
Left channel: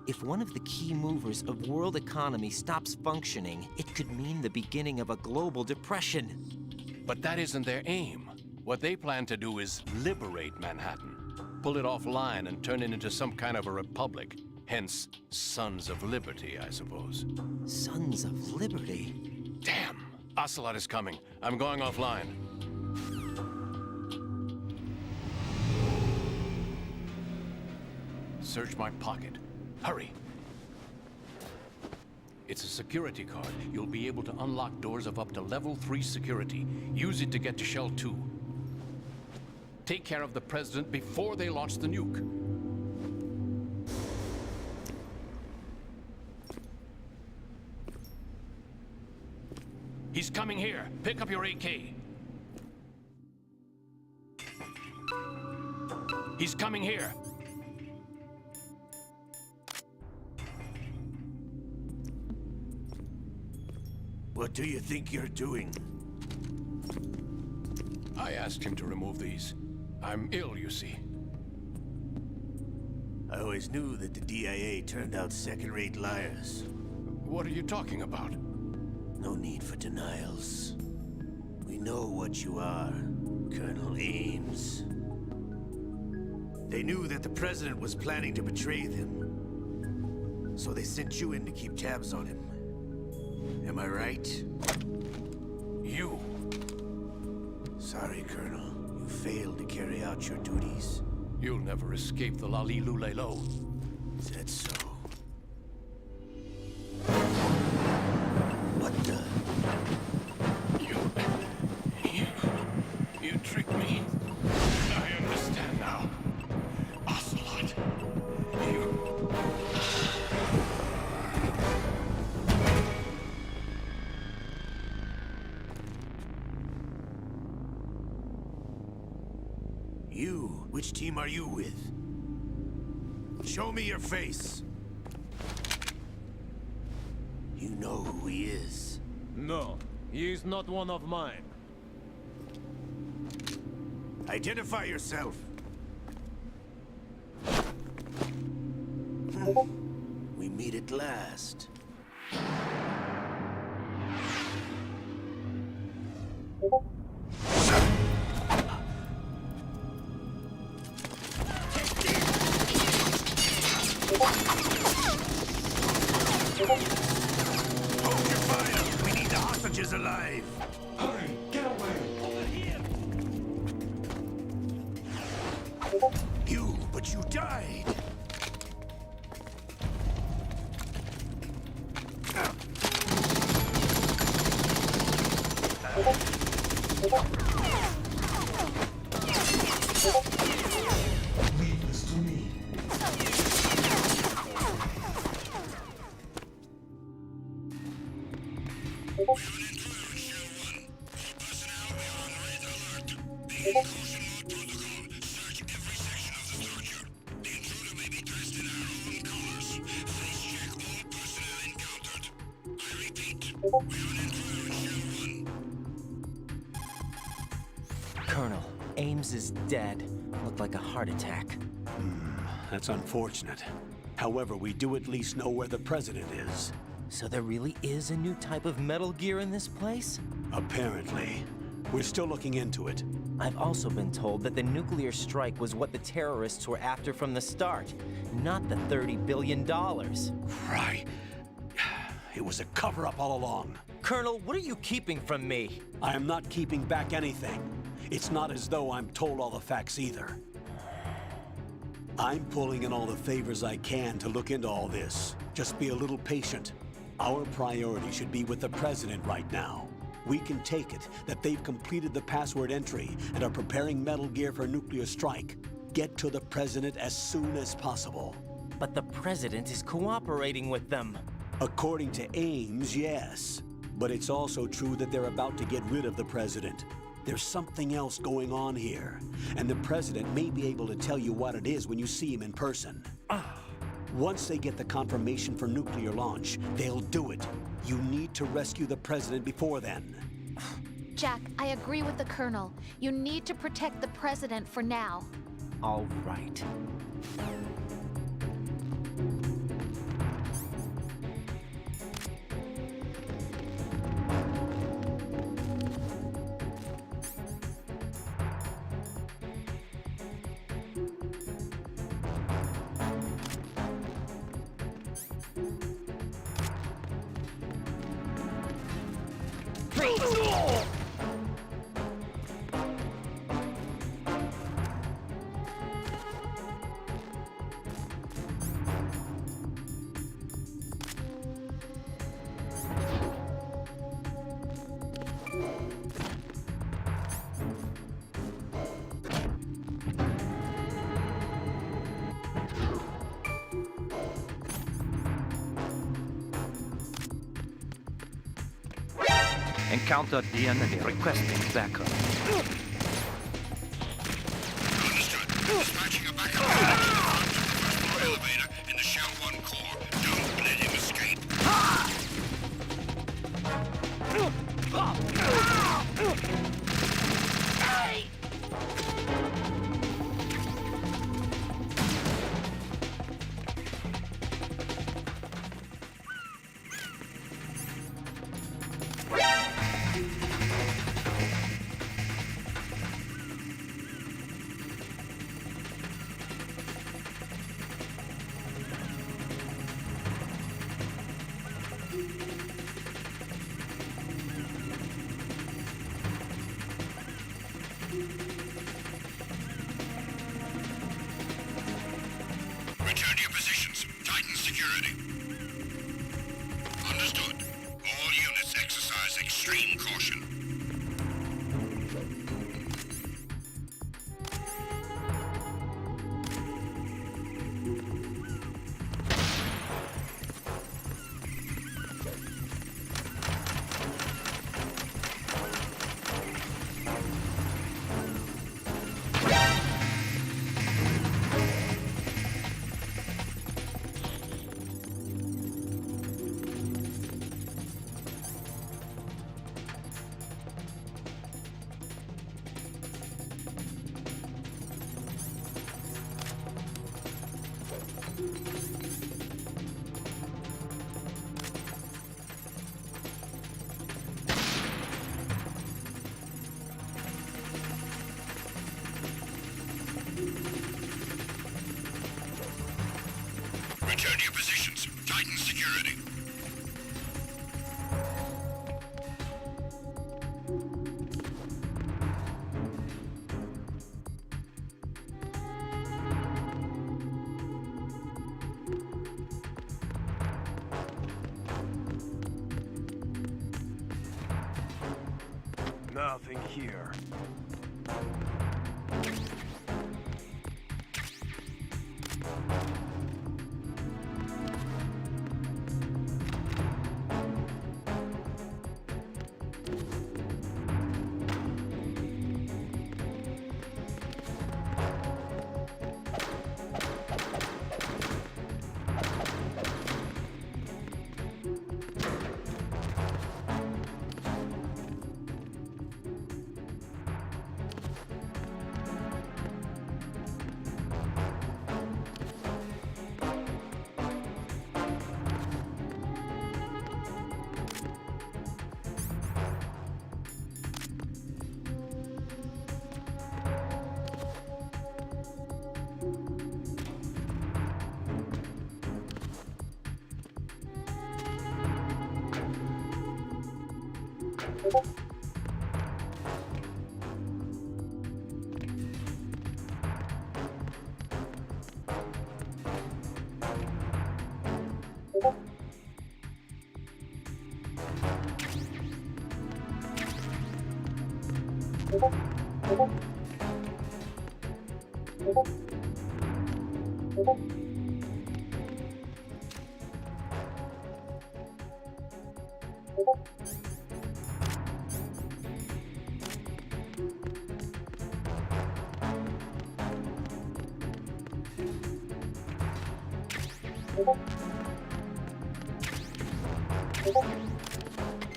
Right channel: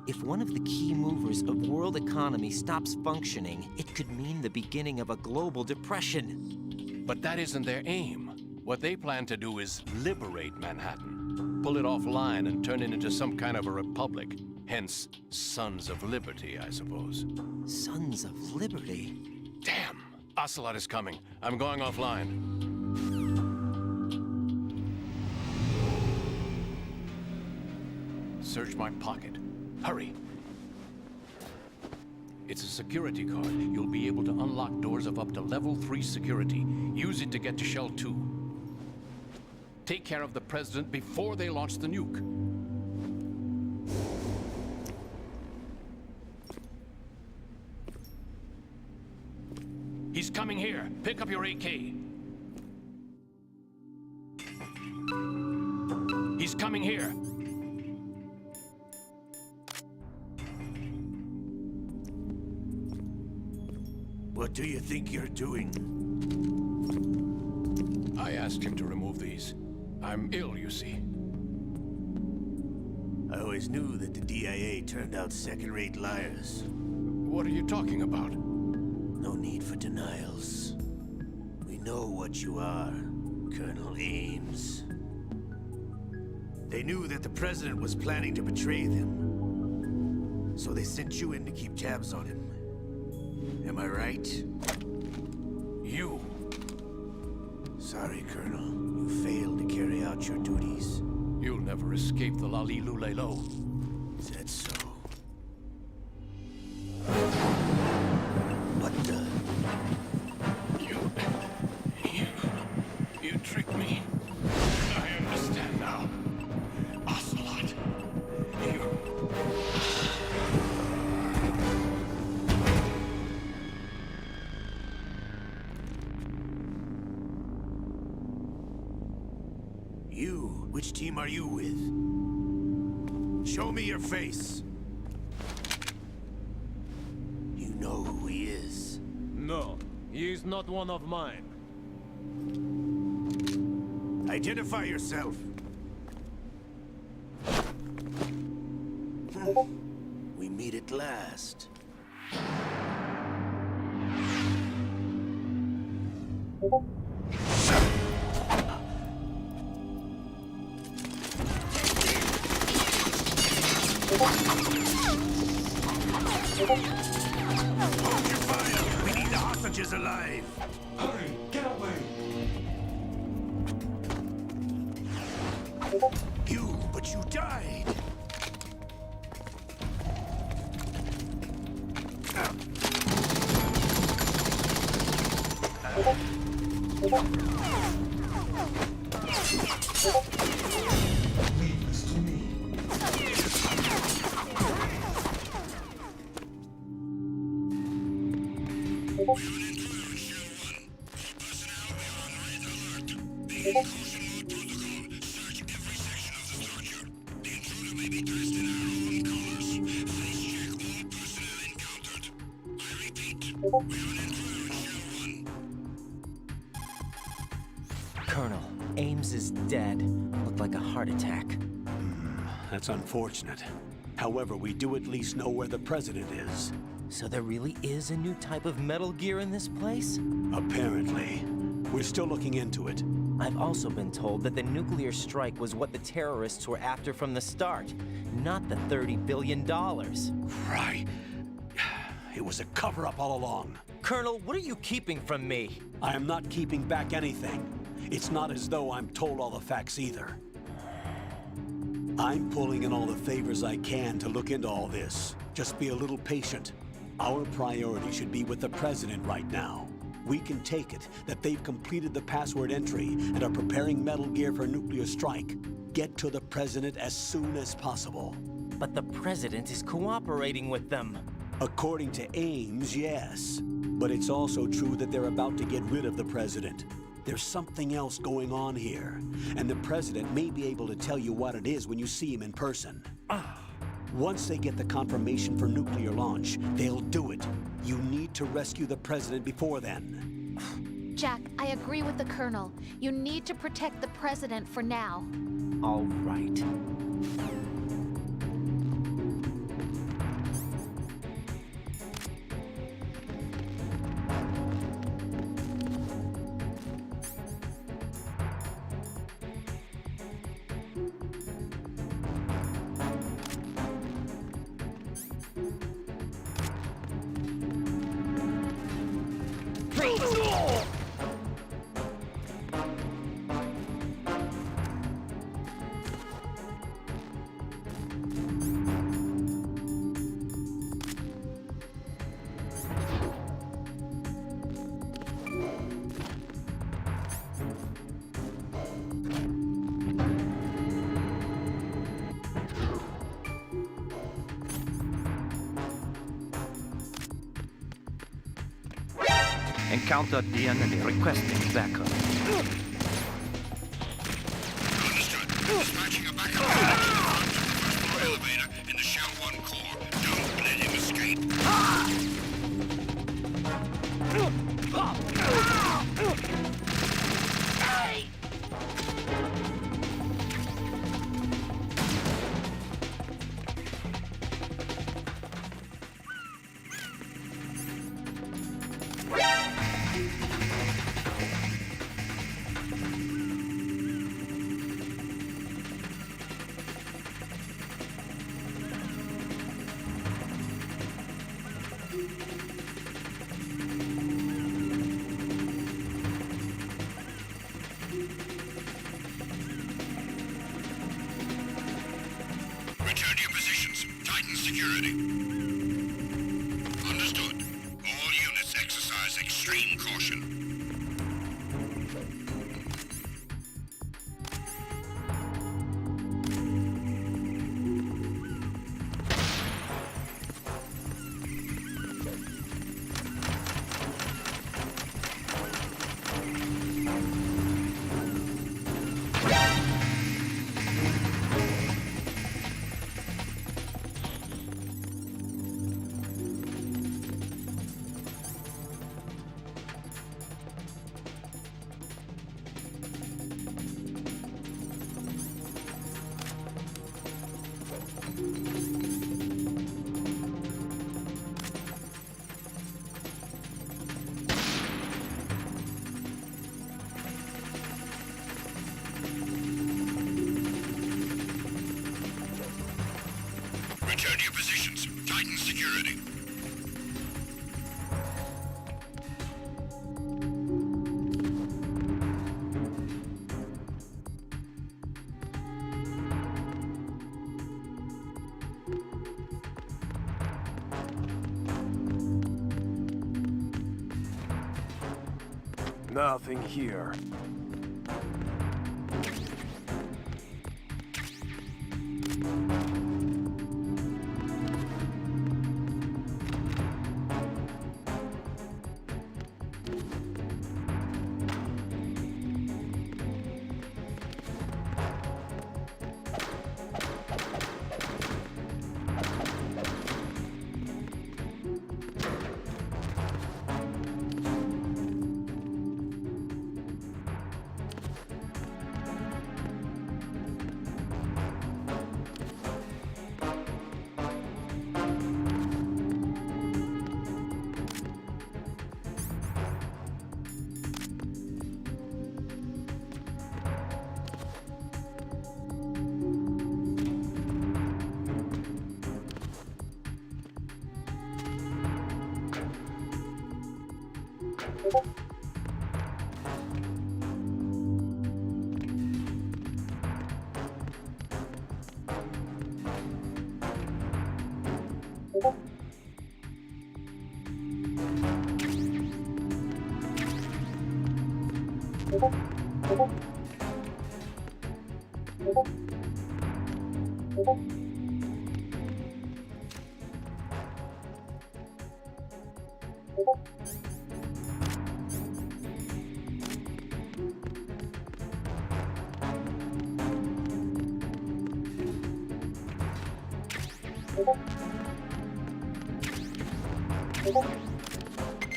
If one of the key movers of world economy stops functioning, it could mean the beginning of a global depression. But that isn't their aim. What they plan to do is liberate Manhattan, pull it offline and turn it into some kind of a republic. Hence, Sons of Liberty, I suppose. Sons of Liberty? Damn! Ocelot is coming. I'm going offline. Search my pocket. Hurry. It's a security card. You'll be able to unlock doors of up to level 3 security. Use it to get to Shell 2. Take care of the President before they launch the nuke. He's coming here. Pick up your AK. He's coming here. What do you think you're doing? I asked him to remove these. I'm ill, you see. I always knew that the DIA turned out second-rate liars. What are you talking about? No need for denials. We know what you are, Colonel Ames. They knew that the President was planning to betray them. So they sent you in to keep tabs on him. Am I right? You. Sorry, Colonel. You failed to carry out your duties. You'll never escape the Lali Lulelo. Is that so? What the? You tricked me. I understand now. Ocelot. You... You? Which team are you with? Show me your face. You know who he is. No, he is not one of mine. Identify yourself. We meet at last. Hold your fire! We need the hostages alive! Hurry! Get away! You, but you died! Leave this to me. Colonel, Ames is dead. Looked like a heart attack. That's unfortunate. However, we do at least know where the President is. So there really is a new type of Metal Gear in this place? Apparently. We're still looking into it. I've also been told that the nuclear strike was what the terrorists were after from the start, not the $30 billion. Right. It was a cover-up all along. Colonel, what are you keeping from me? I am not keeping back anything. It's not as though I'm told all the facts either. I'm pulling in all the favors I can to look into all this. Just be a little patient. Our priority should be with the President right now. We can take it that they've completed the password entry and are preparing Metal Gear for a nuclear strike. Get to the President as soon as possible. But the President is cooperating with them. According to Ames, yes. But it's also true that they're about to get rid of the President. There's something else going on here, and the President may be able to tell you what it is when you see him in person. Once they get the confirmation for nuclear launch, they'll do it. You need to rescue the President before then. Jack, I agree with the Colonel. You need to protect the President for now. All right. Encounter the enemy requesting backup. Understood. Dispatching a backup unit to the front of the first floor elevator in the Shell 1 core. Don't let him escape. Return to your positions. Tighten security. Understood. All units exercise extreme caution. Return to your positions. Tighten security. Nothing here.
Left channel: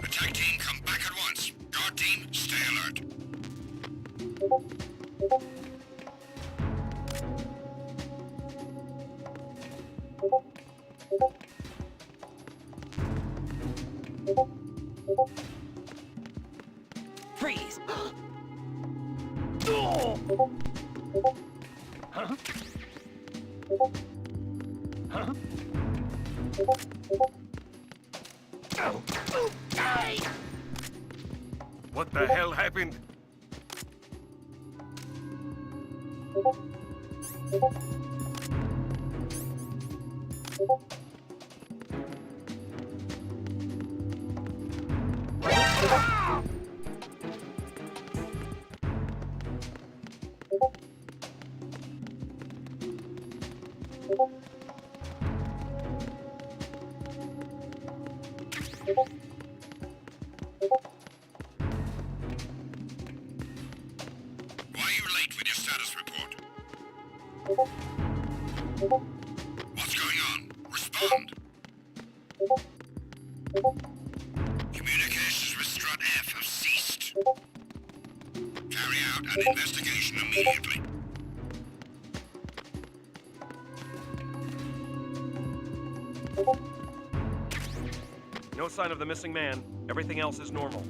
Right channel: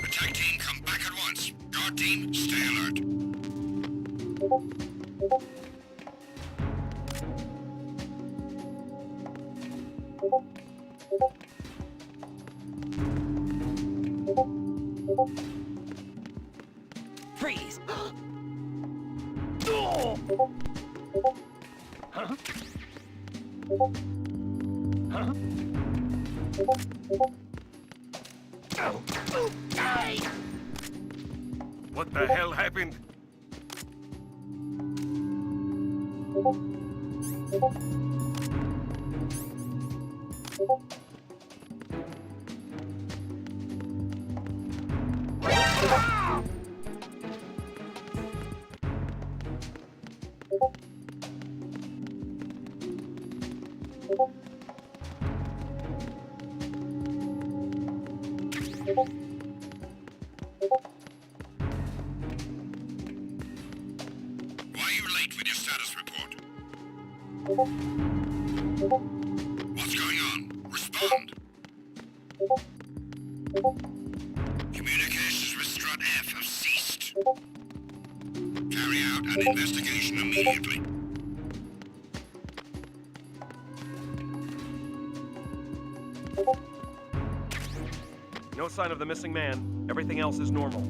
Attack team, come back at once. Guard team, stay alert. Freeze! Huh? Huh? What the hell happened? What's going on? Respond. Communications with Strut F have ceased. Carry out an investigation immediately. No sign of the missing man. Everything else is normal.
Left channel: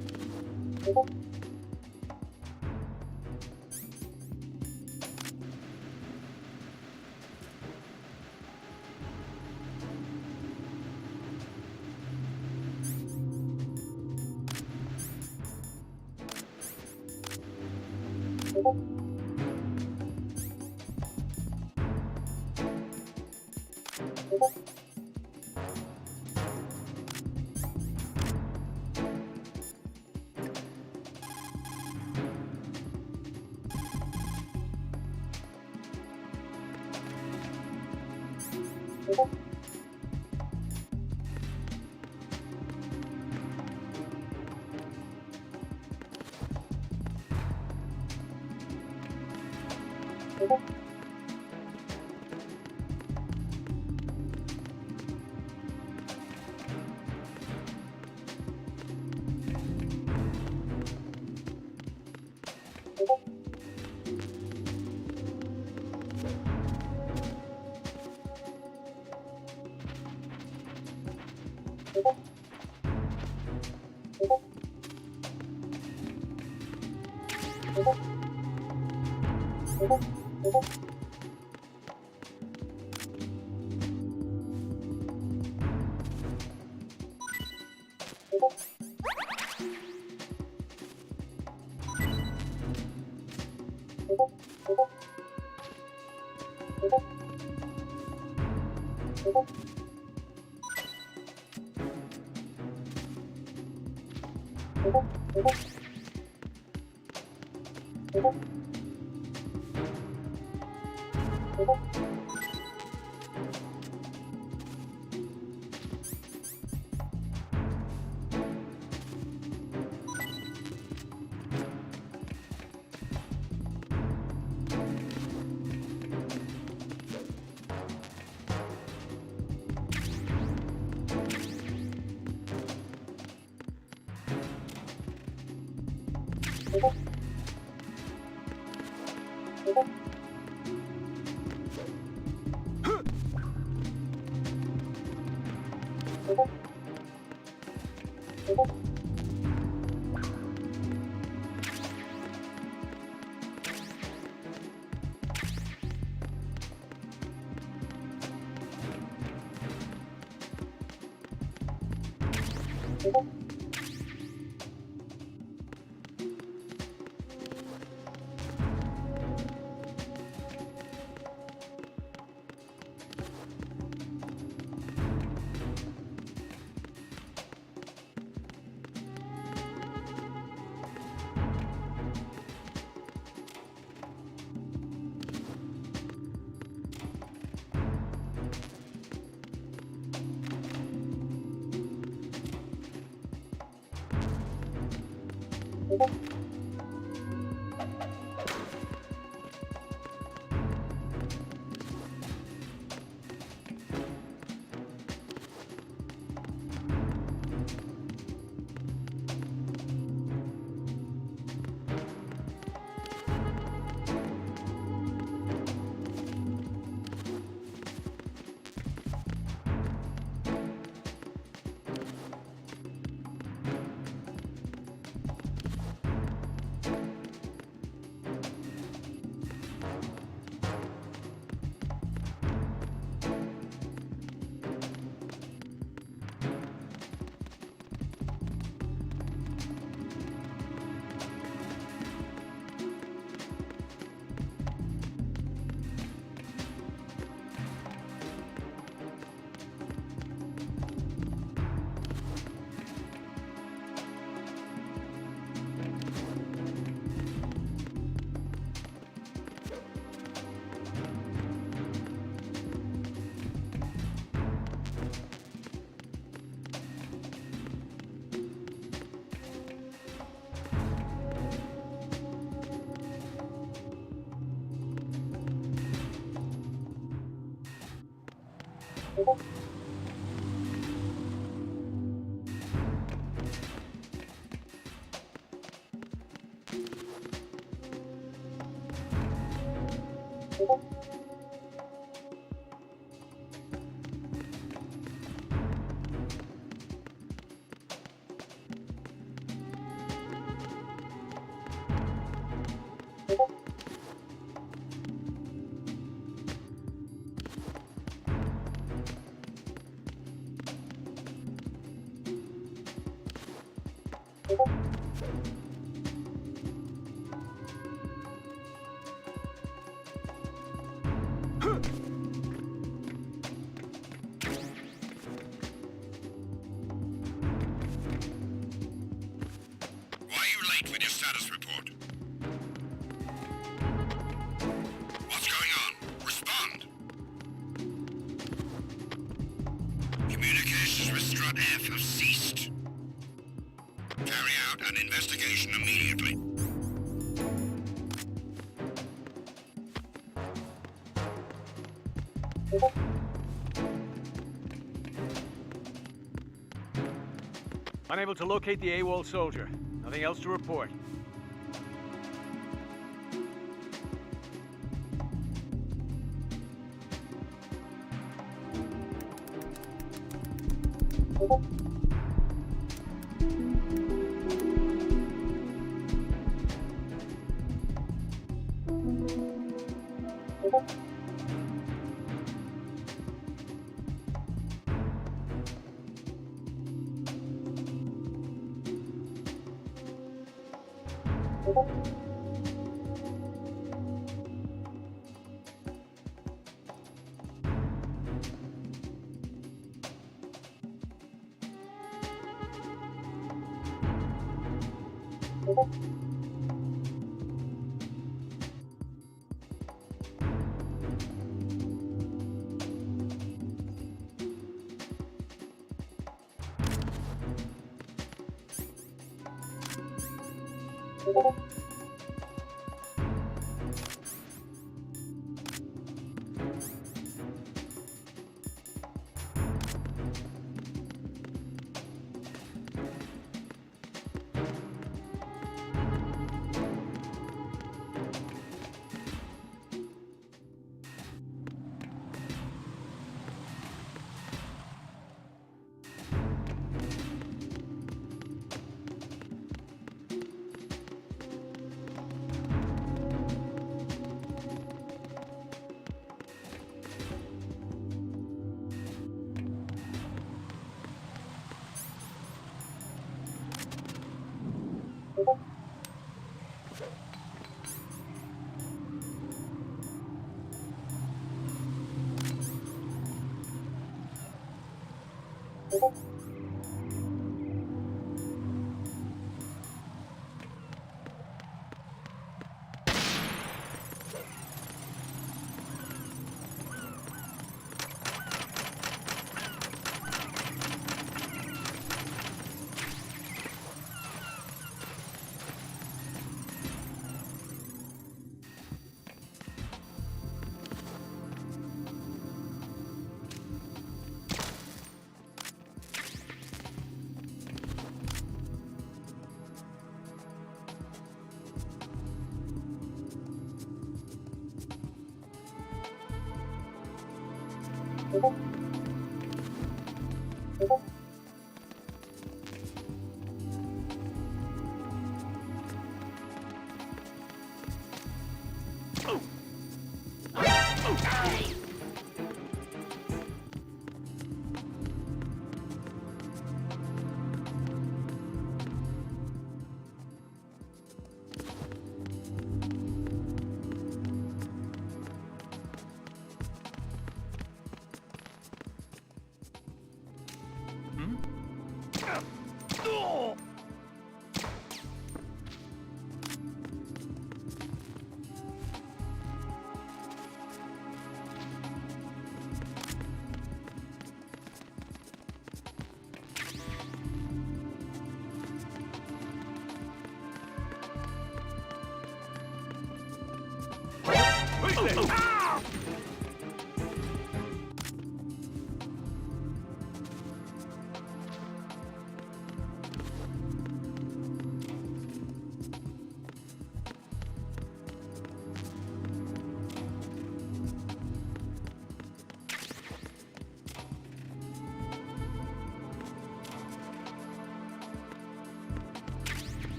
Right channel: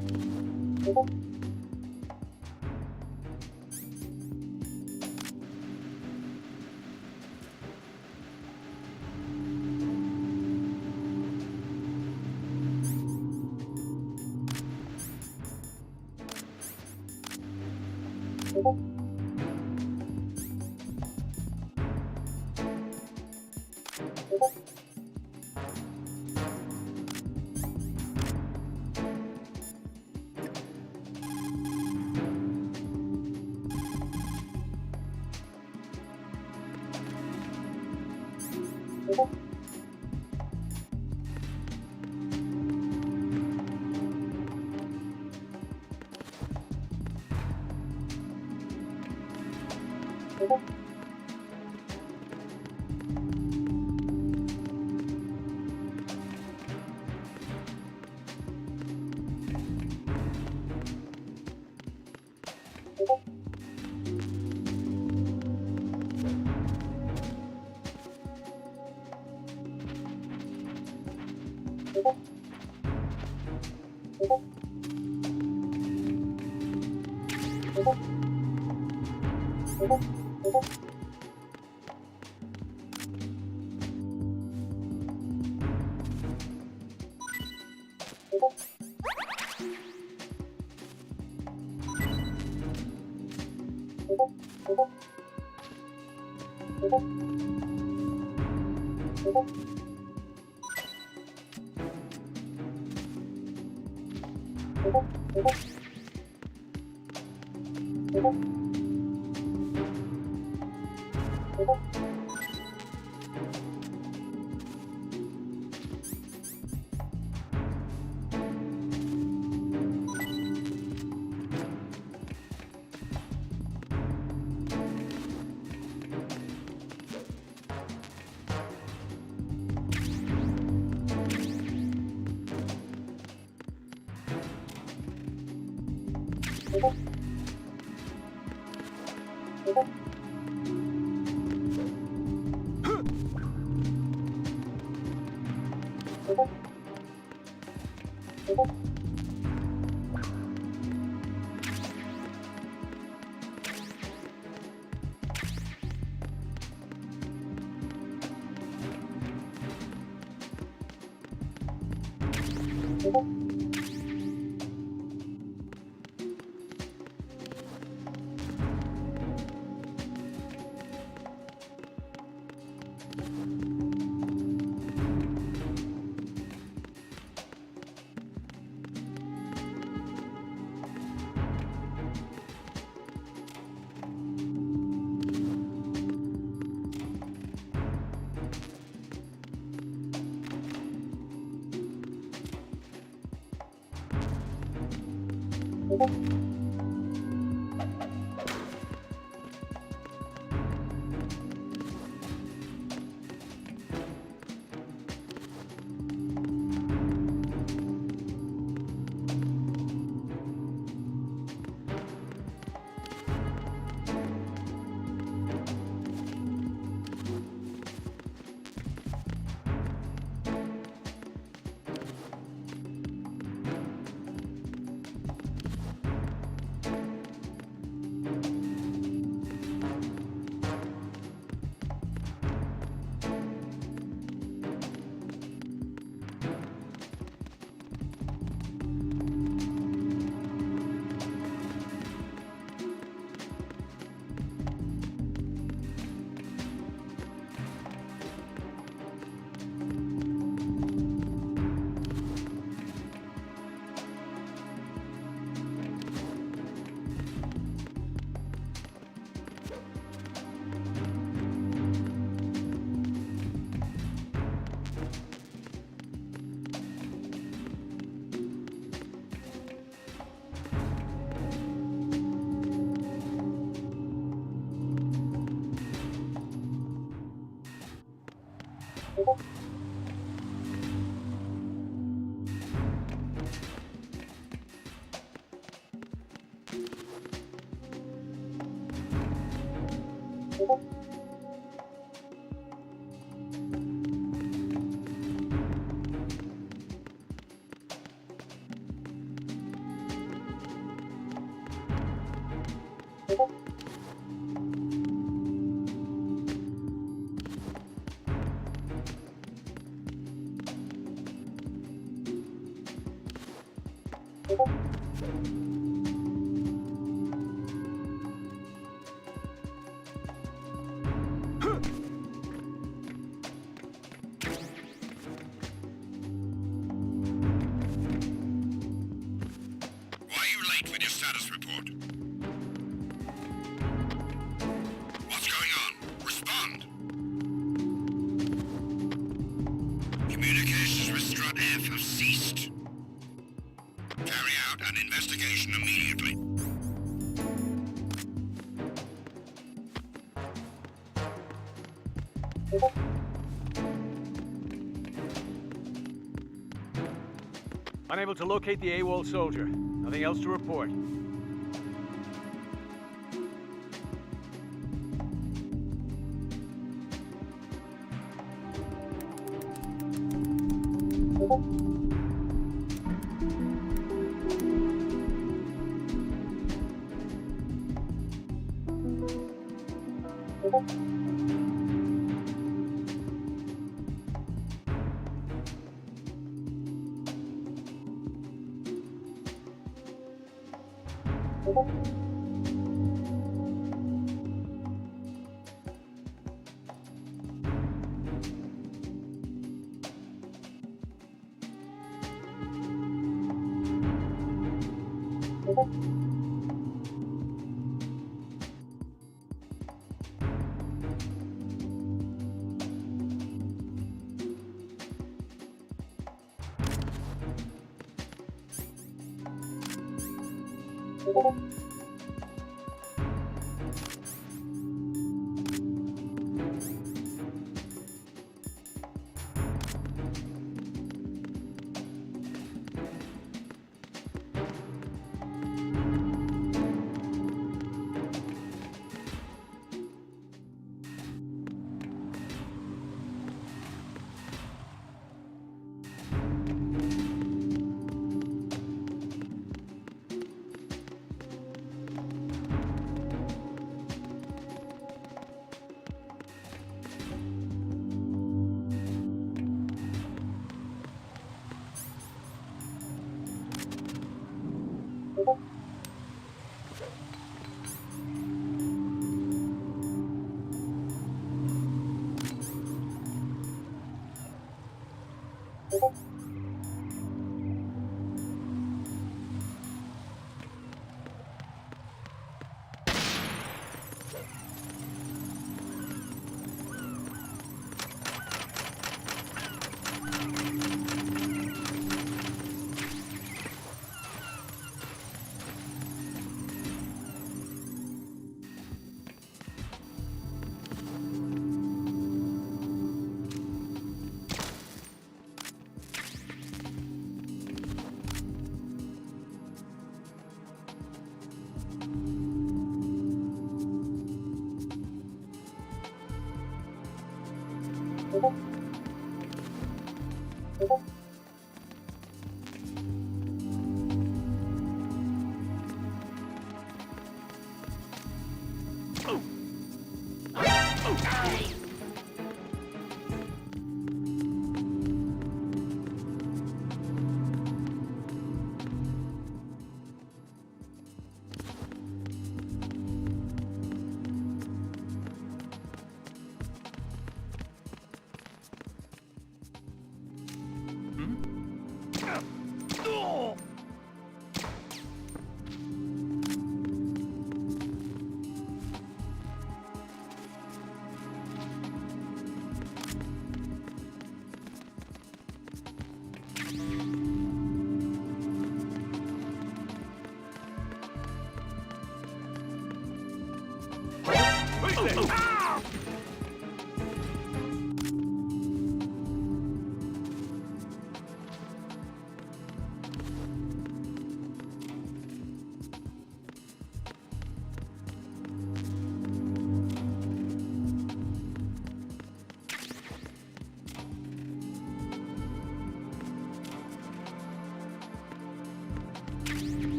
Unable to locate the AWOL soldier. Nothing else to report.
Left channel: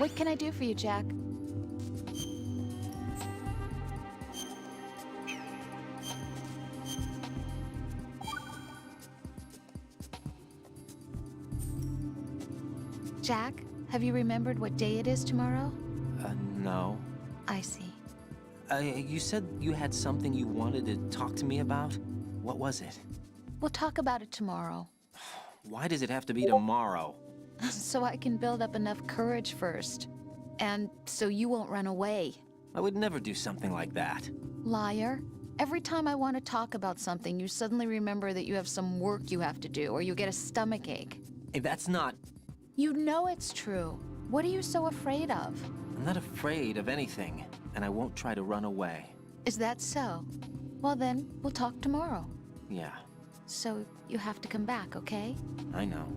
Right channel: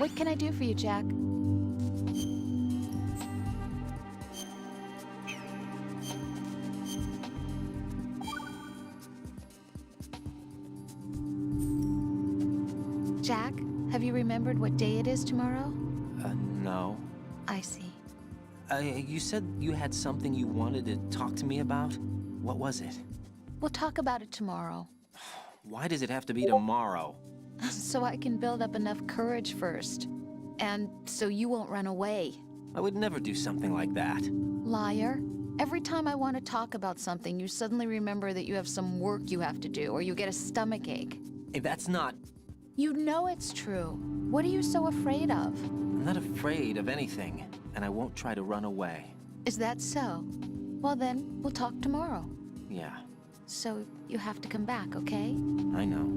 What can I do for you, Jack? Jack, have you remembered what day it is tomorrow? No. I see. You said you had something you wanted to talk to me about? What was it? We'll talk about it tomorrow. Why does it have to be tomorrow? So I can build up enough courage first. And so you won't run away. I would never do something like that. Liar. Every time I want to talk about something, you suddenly remember that you have some work you have to do, or you get a stomachache. Hey, that's not... You know it's true. What are you so afraid of? I'm not afraid of anything, and I won't try to run away. Is that so? Well then, we'll talk tomorrow. Yeah, So you have to come back, okay? I know.